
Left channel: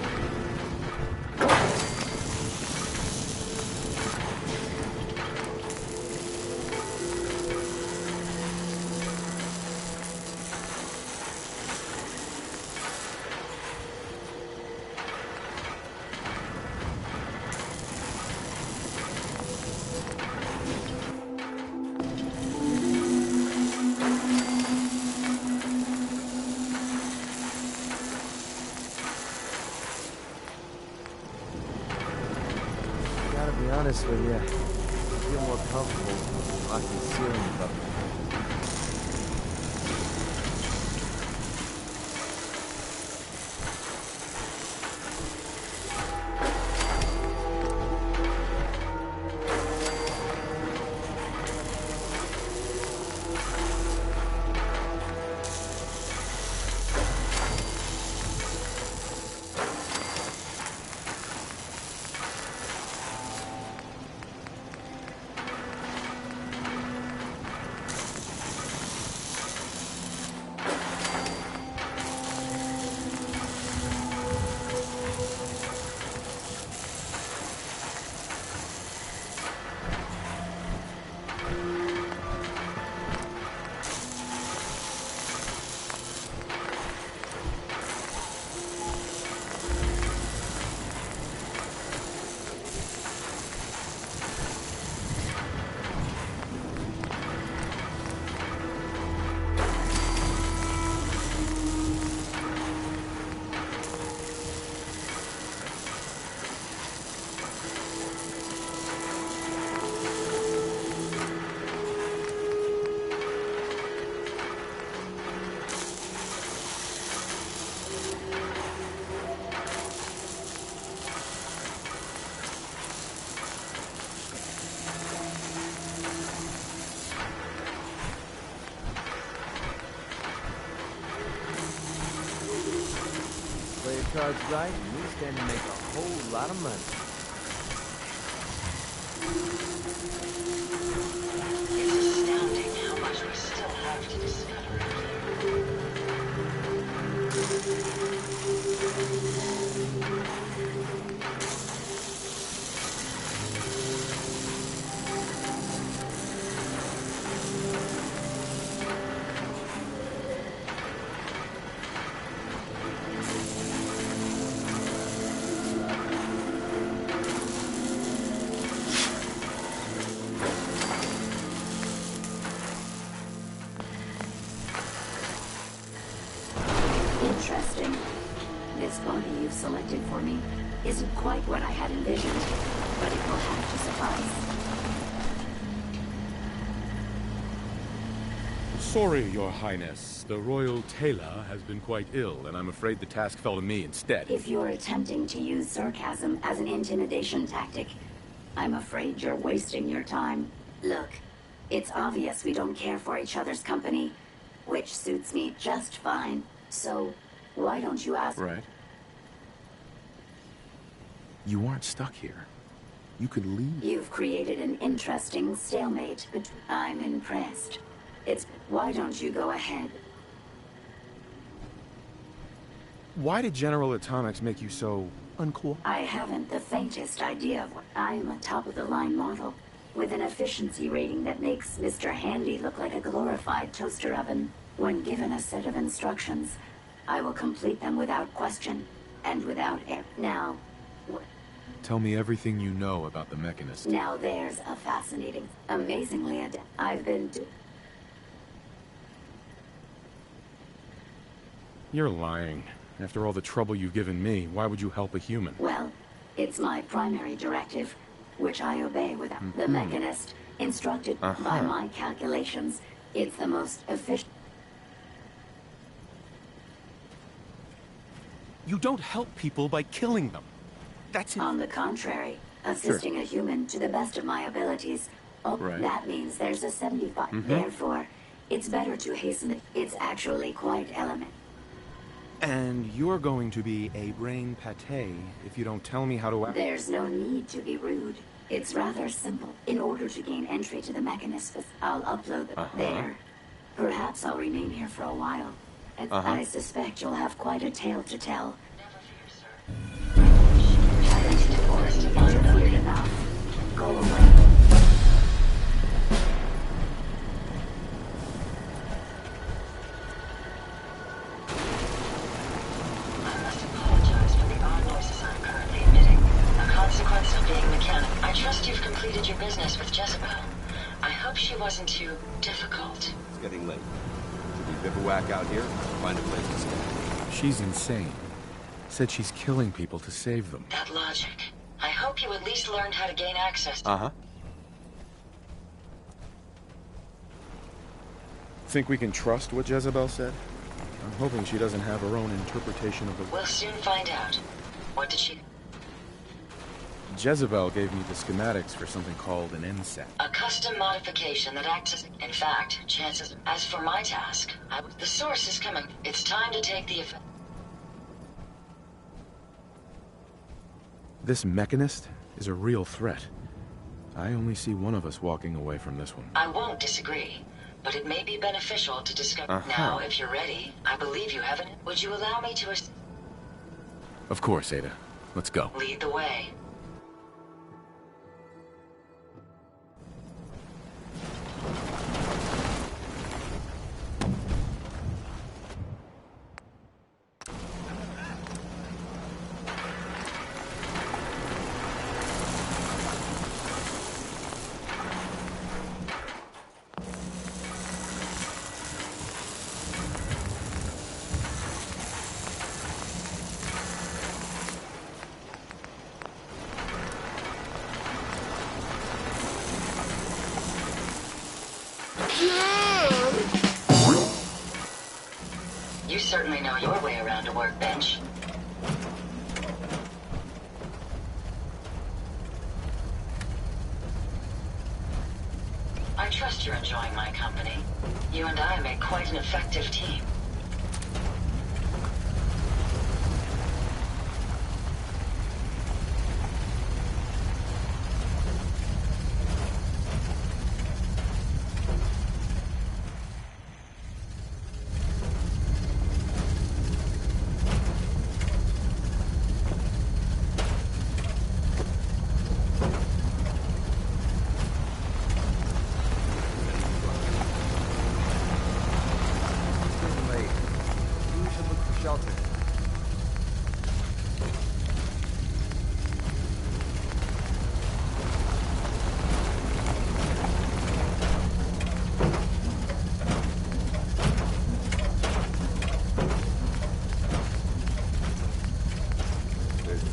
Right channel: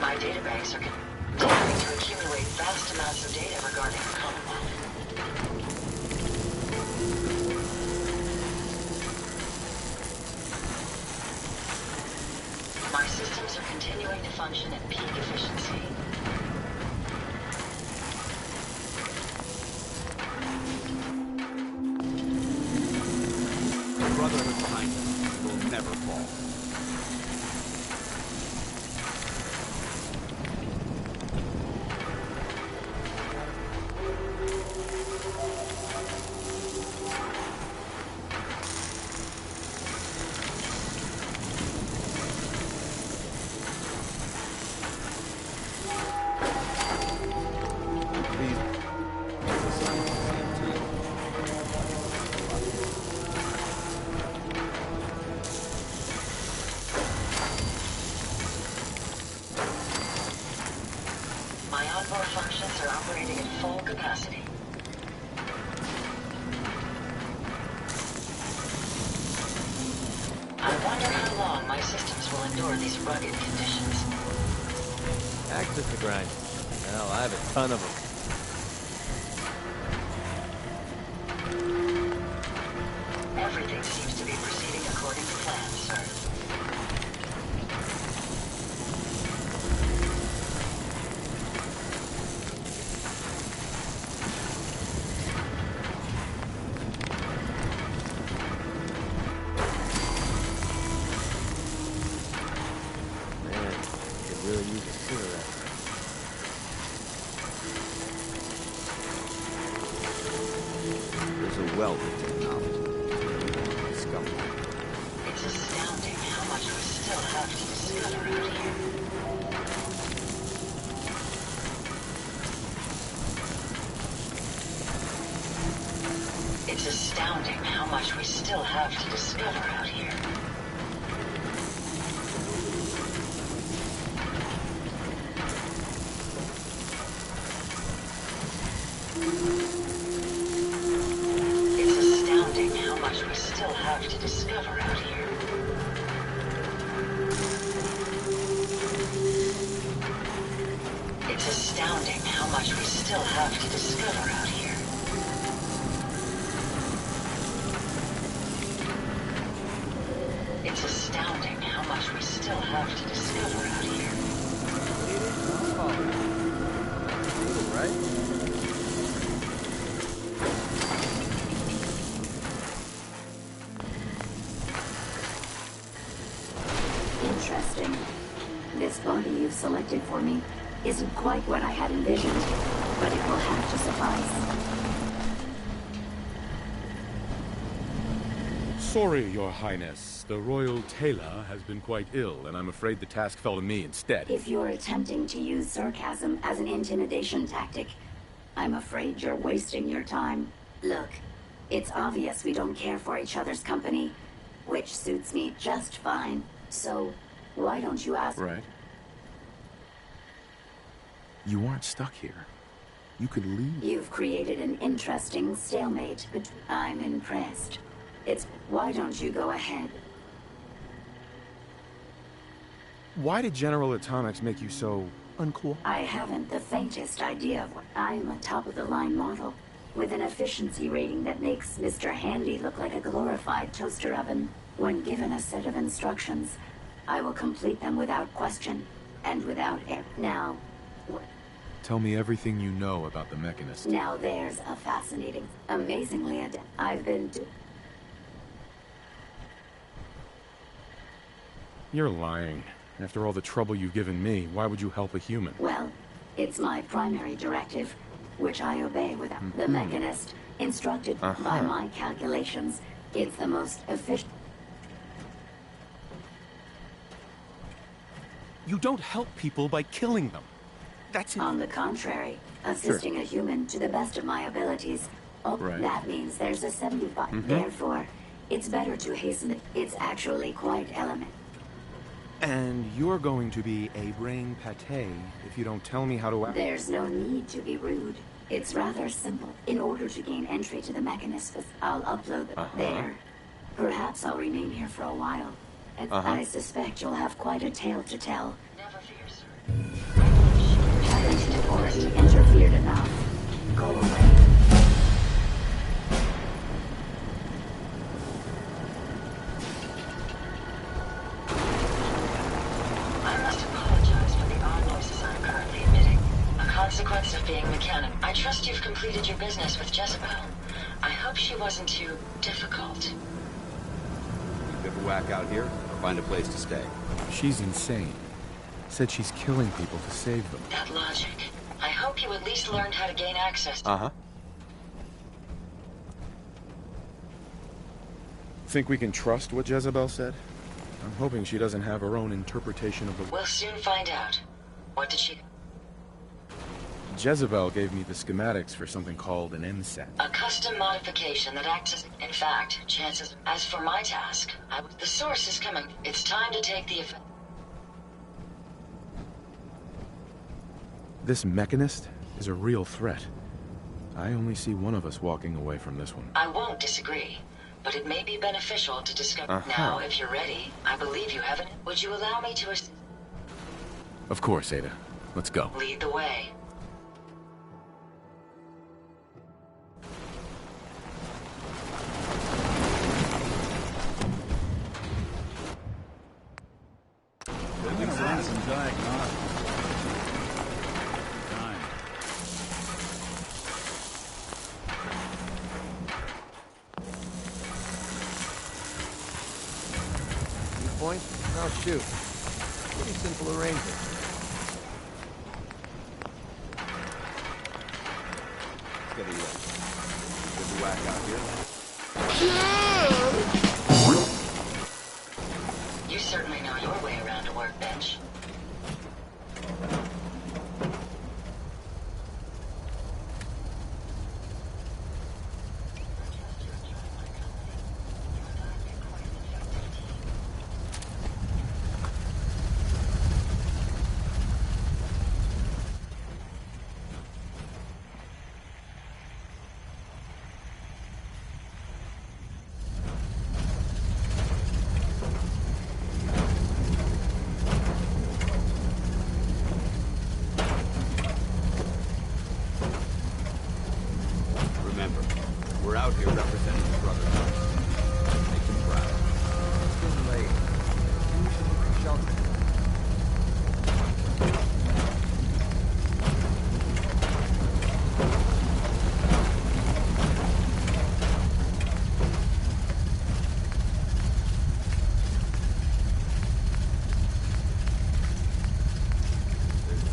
My database accumulate vast amounts of data regarding the combat. My systems are continuing to function at peak efficiency. Never fall. Gotta be honest with you. I feel more comfortable on concealing stuff. My onboard functions are operating at full capacity. I wonder how long my systems will endure these rugged conditions. Cactus grind. Hell, I have a ton of them. Everything seems to be proceeding according to plan, sir. Well, It's astounding how much we still have to discover out here. It's astounding how much we still have to discover out here. Play your cards right, you can make a whole lot of money. It's astounding how much we still have to discover out here. It's astounding how much we still have to discover out here. It's astounding how much we still have to discover out here. Right? Interesting. This body you've selected for me isn't quite what I had envisioned, but it will have to suffice. Sorry, Your Highness. The royal tailor has been quite ill, and I'm afraid the task fell to me instead. If you're attempting to use sarcasm as an intimidation tactic, I'm afraid you're wasting your time. Look, it's obvious we don't care for each other's company, which suits me just fine. So, why don't you ask... Right. You aren't stuck here. You could leave. You've created an interesting stalemate, but I'm impressed. It's... Why don't you go ahead? Why did General Atomics make you so uncool? I haven't the faintest idea of what... I'm a top-of-the-line model, with an efficiency rating that makes Mr. Handy look like a glorified toaster oven. When given a set of instructions, I will complete them without question, and without error. Now, Tell me everything you know about the Mechanist. Now there's a fascinating, amazingly I've been... You're lying. After all the trouble you've given me, why would you help a human? Well, it's my primary directive, which I obey without the Mechanist. Instructed by my calculations, it's the most efficient... You don't help people by killing them. That's it. On the contrary, assisting a human to the best of my abilities. Oh, Right. That means there's a 75. Therefore, it's better to hasten it. It's actually quite elementary. And you're going to be a brain pate if you don't tell me how to act. There's no need to be rude. It's rather simple. In order to gain entry to the Mechanist, I'll upload them there. Perhaps I'll remain here for a while. And I suspect you'll have quite a tale to tell. Never fear, sir. Haven't you already interfered enough? Go away. I must apologize for the odd noises I'm currently emitting. A consequence of being mechanic. I trust you've completed your business with Jezebel. I hope she wasn't too difficult. Getting late. We bivouac out here, find a place to stay. She's insane. Said she's killing people to save them. That logic. I hope you at least learned how to gain access to... Think we can trust what Jezebel said? I'm hoping she doesn't have her own interpretation of the... We'll soon find out. What did she... Jezebel gave me the schematics for something called an NSAT. A custom modification that acts as... In fact, chances... As for my task, the source is coming. It's time to take the effect... This Mechanist is a real threat. I only see one of us walking away from this one. I won't disagree, but it may be beneficial to discover... Now, if you're ready, I believe you haven't... Would you allow me to... Of course, Ada. Let's go. Lead the way. You certainly know your way around a workbench. I trust you're enjoying my company. You and I make quite an effective team.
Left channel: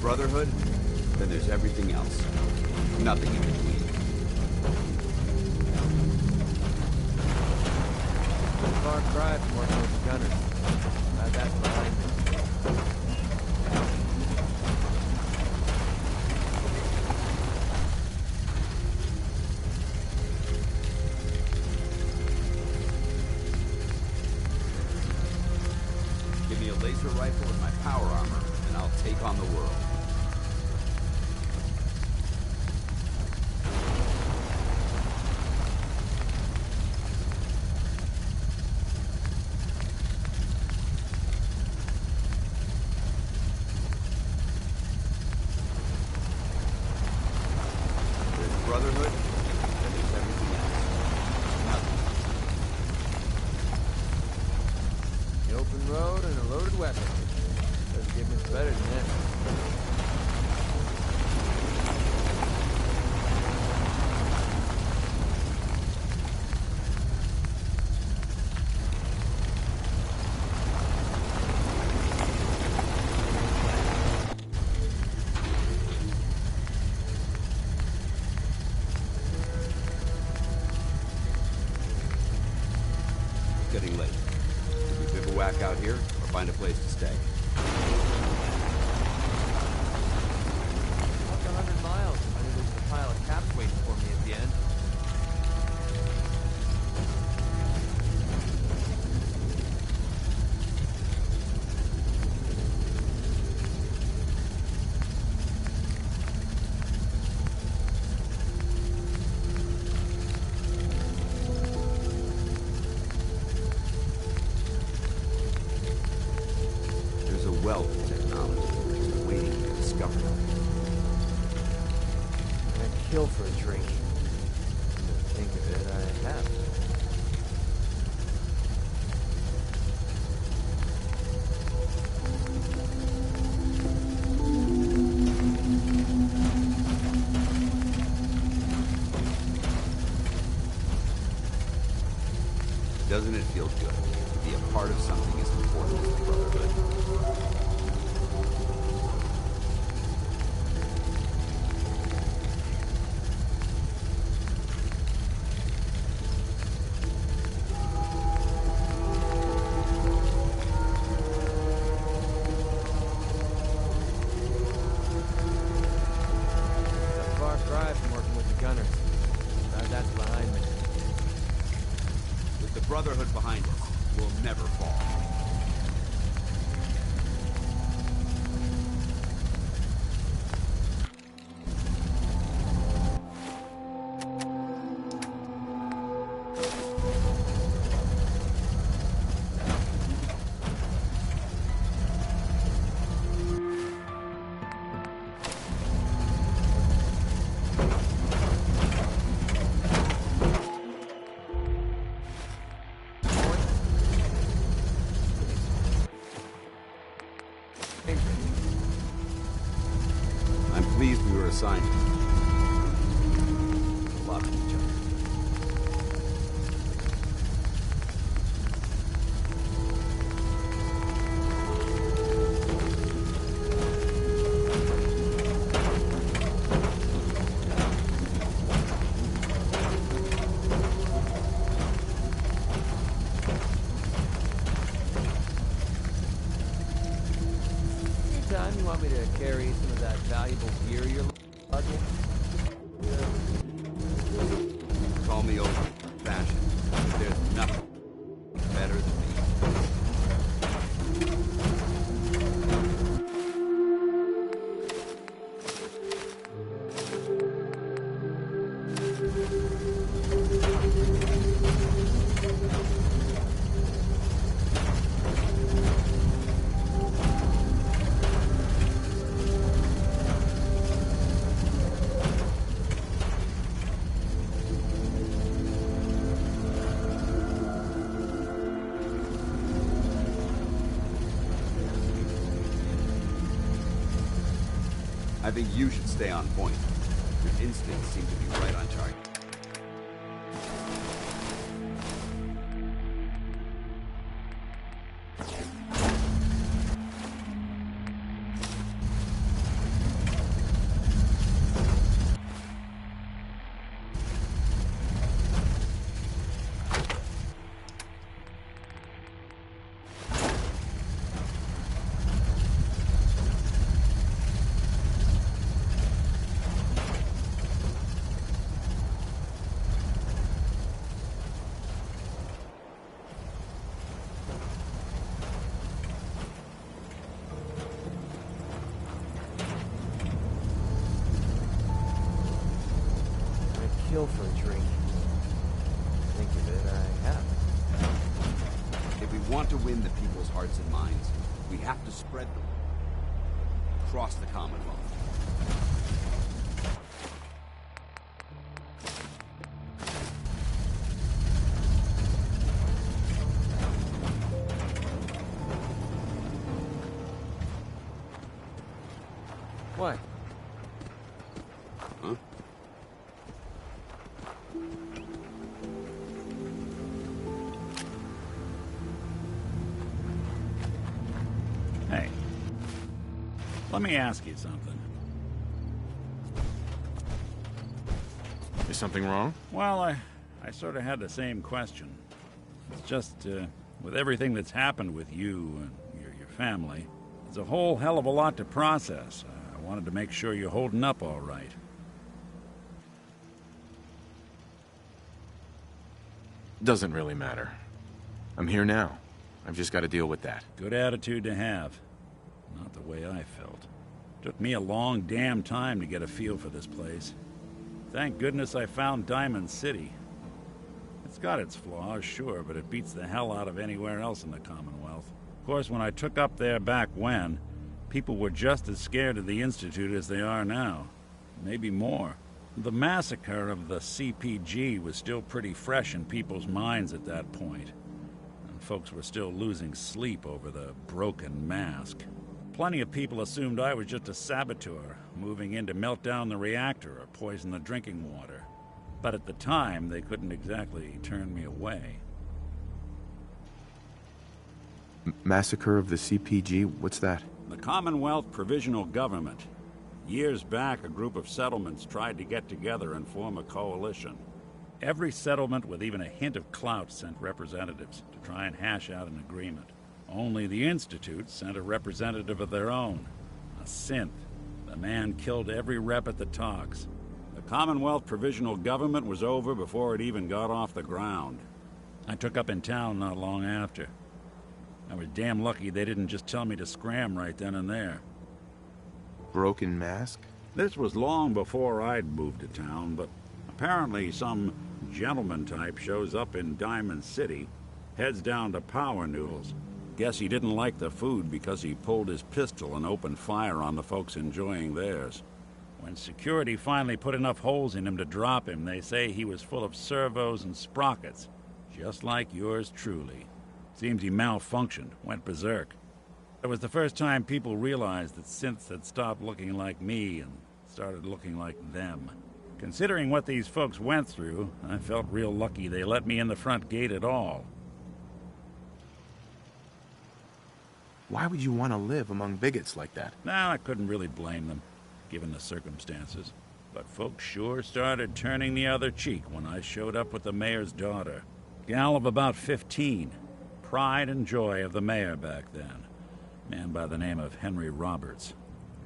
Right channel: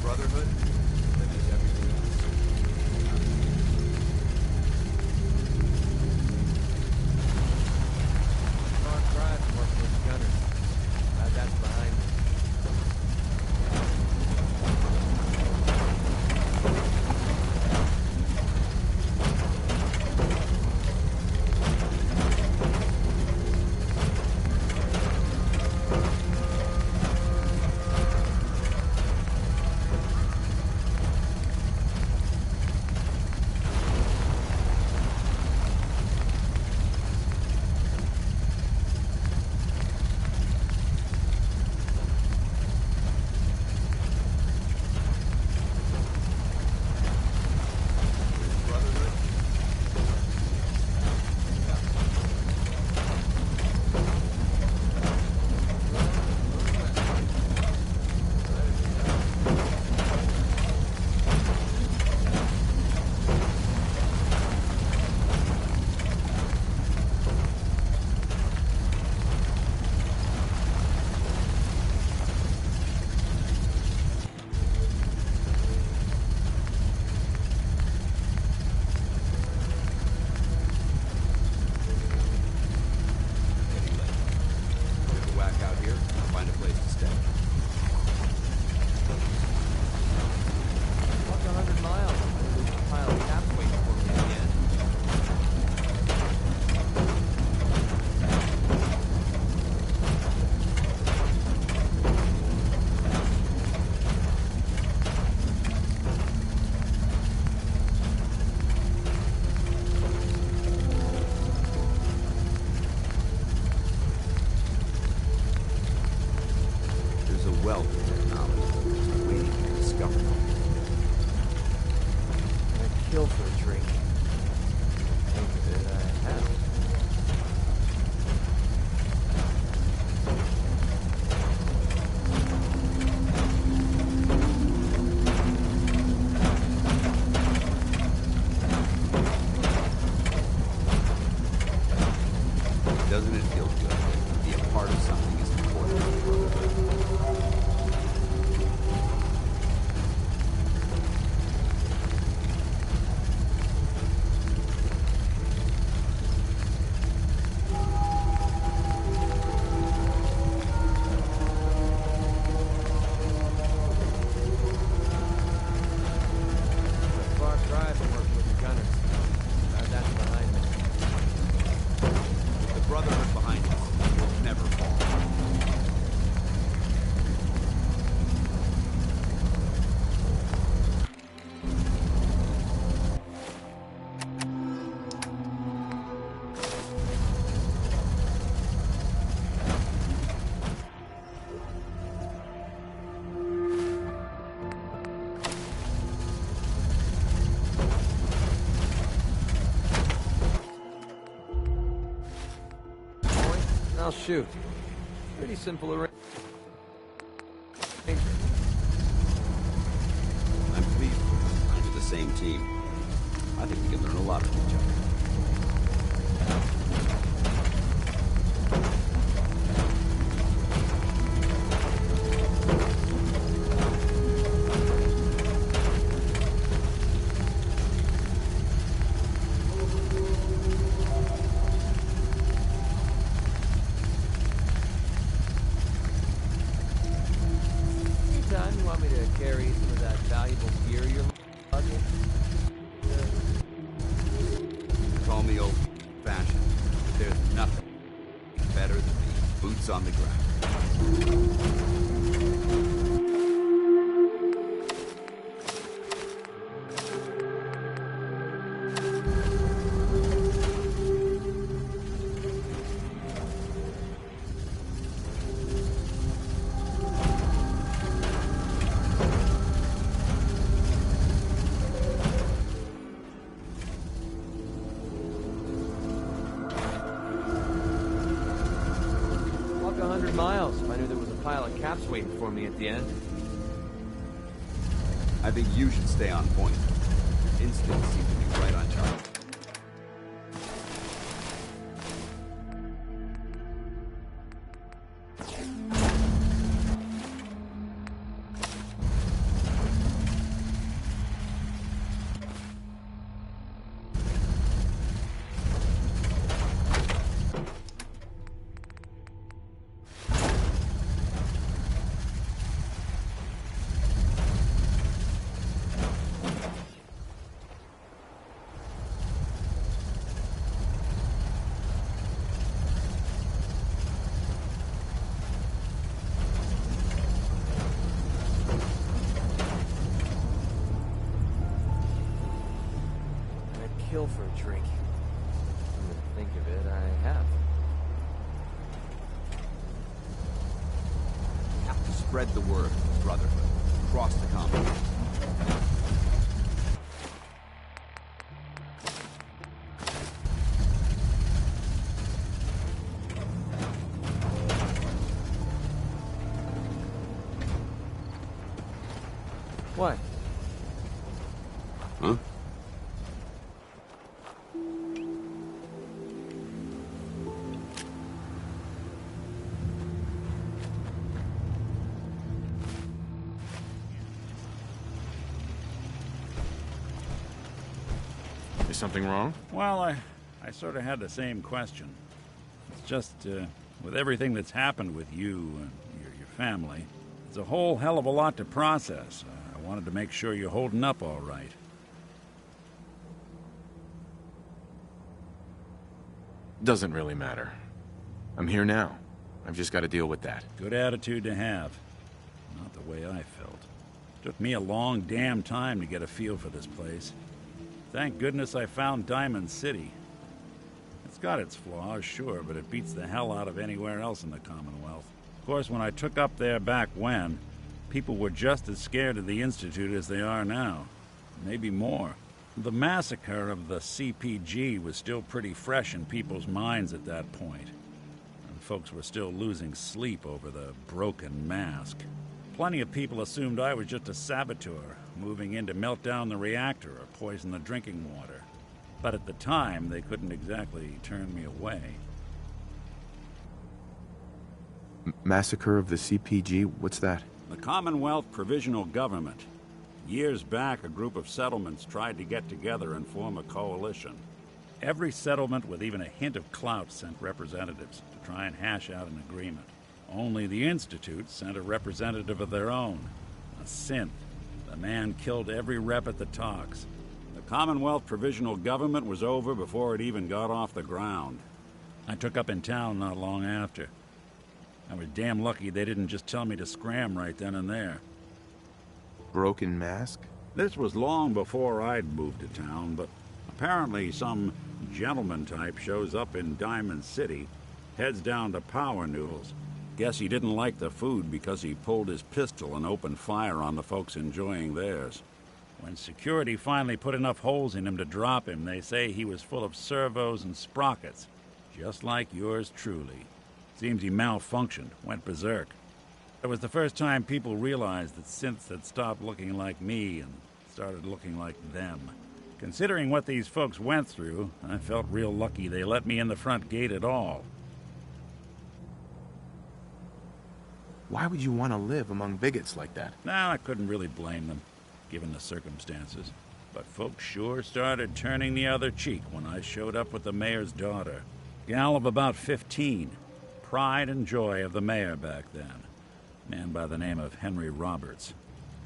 Brotherhood, then there's everything else. Nothing. Far cry from working with the gunners. Glad that's behind me. Give me a laser rifle with my power armor, and I'll take on the world. stay. Walked 100 miles. I knew there was a pile of caps waiting for me at the end. Wealth of technology just waiting to be discovered. I'd kill for a drink. Think of it, I have. Doesn't it feel good to be a part of something as important as the Brotherhood? Brotherhood behind us will never fall. Shoot. Pretty simple arrangement. I'm pleased we were assigned to the same team. I think we can learn a lot from each other. You want me to carry some of that valuable gear you're lugging? Call me old-fashioned, but there's nothing better than being boots on the ground. I think you should stay on point. Your instincts seem to be right on target. Kill for a drink. Think of it, I have. If we want to win the people's hearts and minds, we have to spread the word of the Brotherhood across the Commonwealth. Why? Huh? Hey, let me ask you something. Is something wrong? Well, I sort of had the same question. It's just, with everything that's happened with you and your family. It's a whole hell of a lot to process. I wanted to make sure you're holding up all right. Doesn't really matter. I'm here now. I've just got to deal with that. Good attitude to have. Not the way I felt. Took me a long damn time to get a feel for this place. Thank goodness I found Diamond City. It's got its flaws, sure, but it beats the hell out of anywhere else in the Commonwealth. Of course, when I took up there back when, people were just as scared of the Institute as they are now. Maybe more. The massacre of the CPG was still pretty fresh in people's minds at that point, and folks were still losing sleep over the broken mask. Plenty of people assumed I was just a saboteur, moving in to melt down the reactor or poison the drinking water. But at the time, they couldn't exactly turn me away. Massacre of the CPG? What's that? The Commonwealth Provisional Government. Years back, a group of settlements tried to get together and form a coalition. Every settlement with even a hint of clout sent representatives to try and hash out an agreement. Only the Institute sent a representative of their own, a synth. The man killed every rep at the talks. The Commonwealth Provisional Government was over before it even got off the ground. I took up in town not long after. I was damn lucky they didn't just tell me to scram right then and there. Broken mask? This was long before I'd moved to town, but apparently some gentleman type shows up in Diamond City, heads down to Power Noodles. Guess he didn't like the food because he pulled his pistol and opened fire on the folks enjoying theirs. When security finally put enough holes in him to drop him, they say he was full of servos and sprockets, just like yours truly. Seems he malfunctioned, went berserk. It was the first time people realized that synths had stopped looking like me and started looking like them. Considering what these folks went through, I felt real lucky they let me in the front gate at all. Why would you want to live among bigots like that? Now, I couldn't really blame them, given the circumstances. But folks sure started turning the other cheek when I showed up with the mayor's daughter. Gal of about 15. Pride and joy of the mayor back then. Man by the name of Henry Roberts.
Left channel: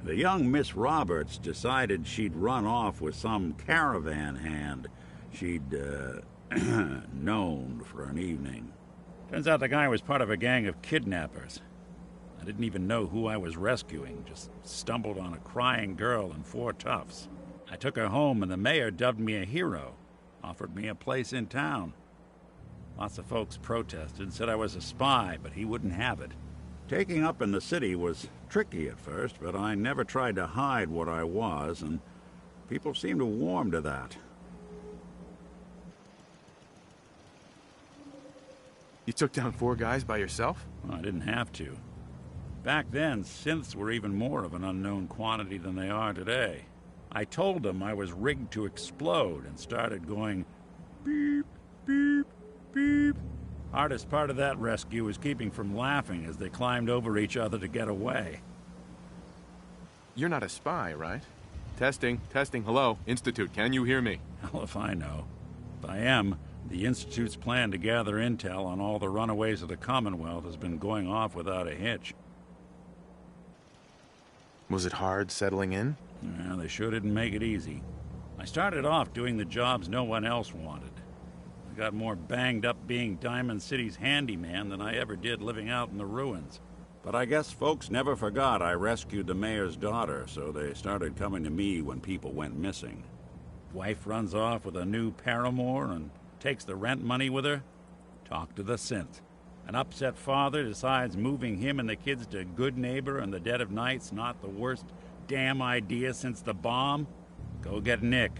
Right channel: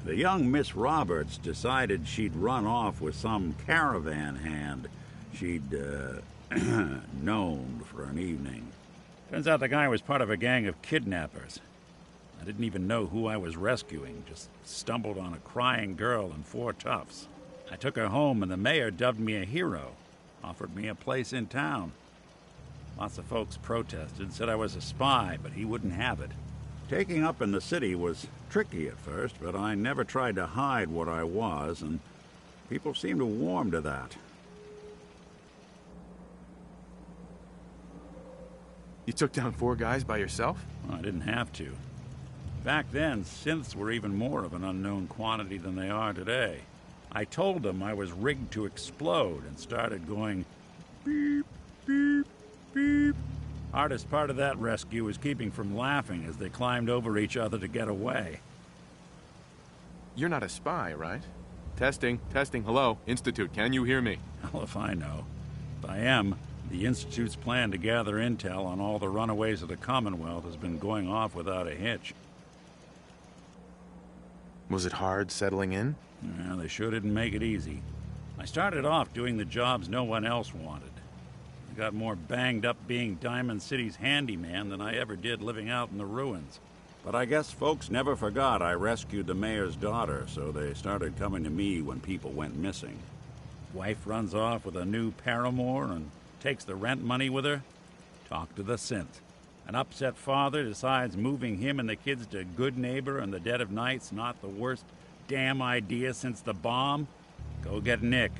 The young Miss Roberts decided she'd run off with some caravan hand she'd, known for an evening. Turns out the guy was part of a gang of kidnappers. I didn't even know who I was rescuing, just stumbled on a crying girl and 4 toughs. I took her home and the mayor dubbed me a hero, offered me a place in town. Lots of folks protested, said I was a spy, but he wouldn't have it. Taking up in the city was tricky at first, but I never tried to hide what I was, and people seemed to warm to that. You took down 4 guys by yourself? Well, I didn't have to. Back then, synths were even more of an unknown quantity than they are today. I told them I was rigged to explode and started going beep, beep, beep. Hardest part of that rescue was keeping from laughing as they climbed over each other to get away. You're not a spy, right? Testing, hello. Institute, can you hear me? Hell if I know. If I am, the Institute's plan to gather intel on all the runaways of the Commonwealth has been going off without a hitch. Was it hard settling in? Yeah, they sure didn't make it easy. I started off doing the jobs no one else wanted. I got more banged up being Diamond City's handyman than I ever did living out in the ruins. But I guess folks never forgot I rescued the mayor's daughter, so they started coming to me when people went missing. Wife runs off with a new paramour and takes the rent money with her. Talk to the synth. An upset father decides moving him and the kids to Good Neighbor in the dead of night's not the worst damn idea since the bomb. Go get Nick.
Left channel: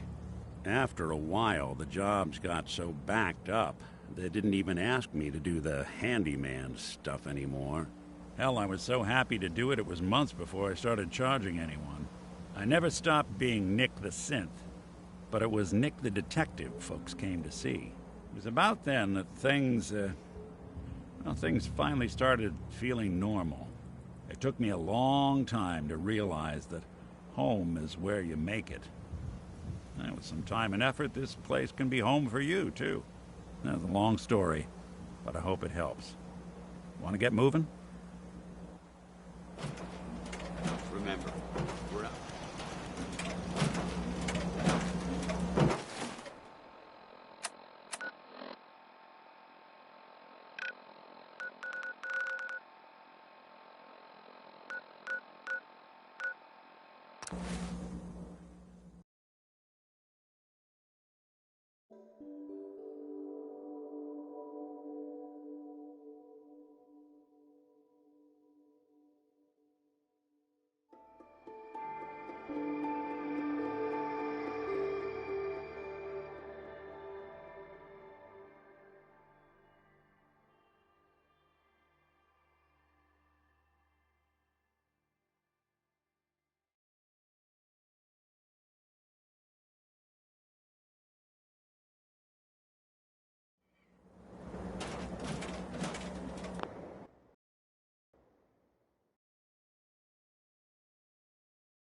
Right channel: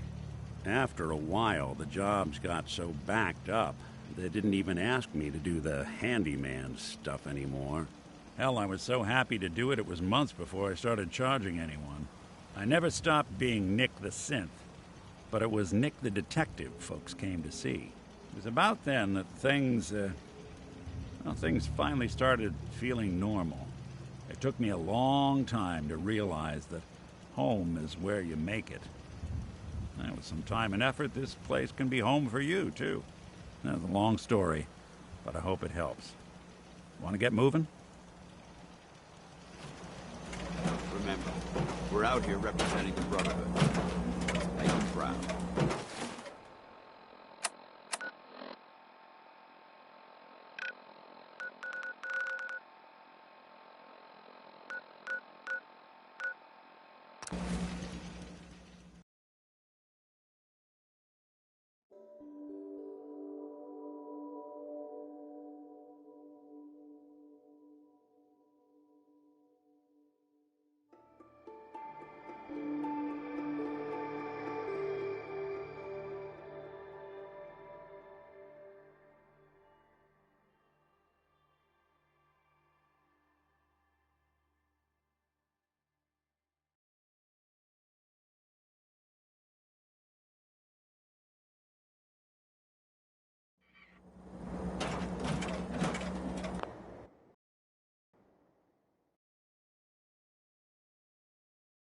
After a while, the jobs got so backed up, they didn't even ask me to do the handyman stuff anymore. Hell, I was so happy to do it, it was months before I started charging anyone. I never stopped being Nick the Synth, but it was Nick the Detective folks came to see. It was about then that things finally started feeling normal. It took me a long time to realize that home is where you make it. And with some time and effort, this place can be home for you, too. That's a long story, but I hope it helps. Want to get moving? Remember, we're out here representing the Brotherhood. And I'm proud.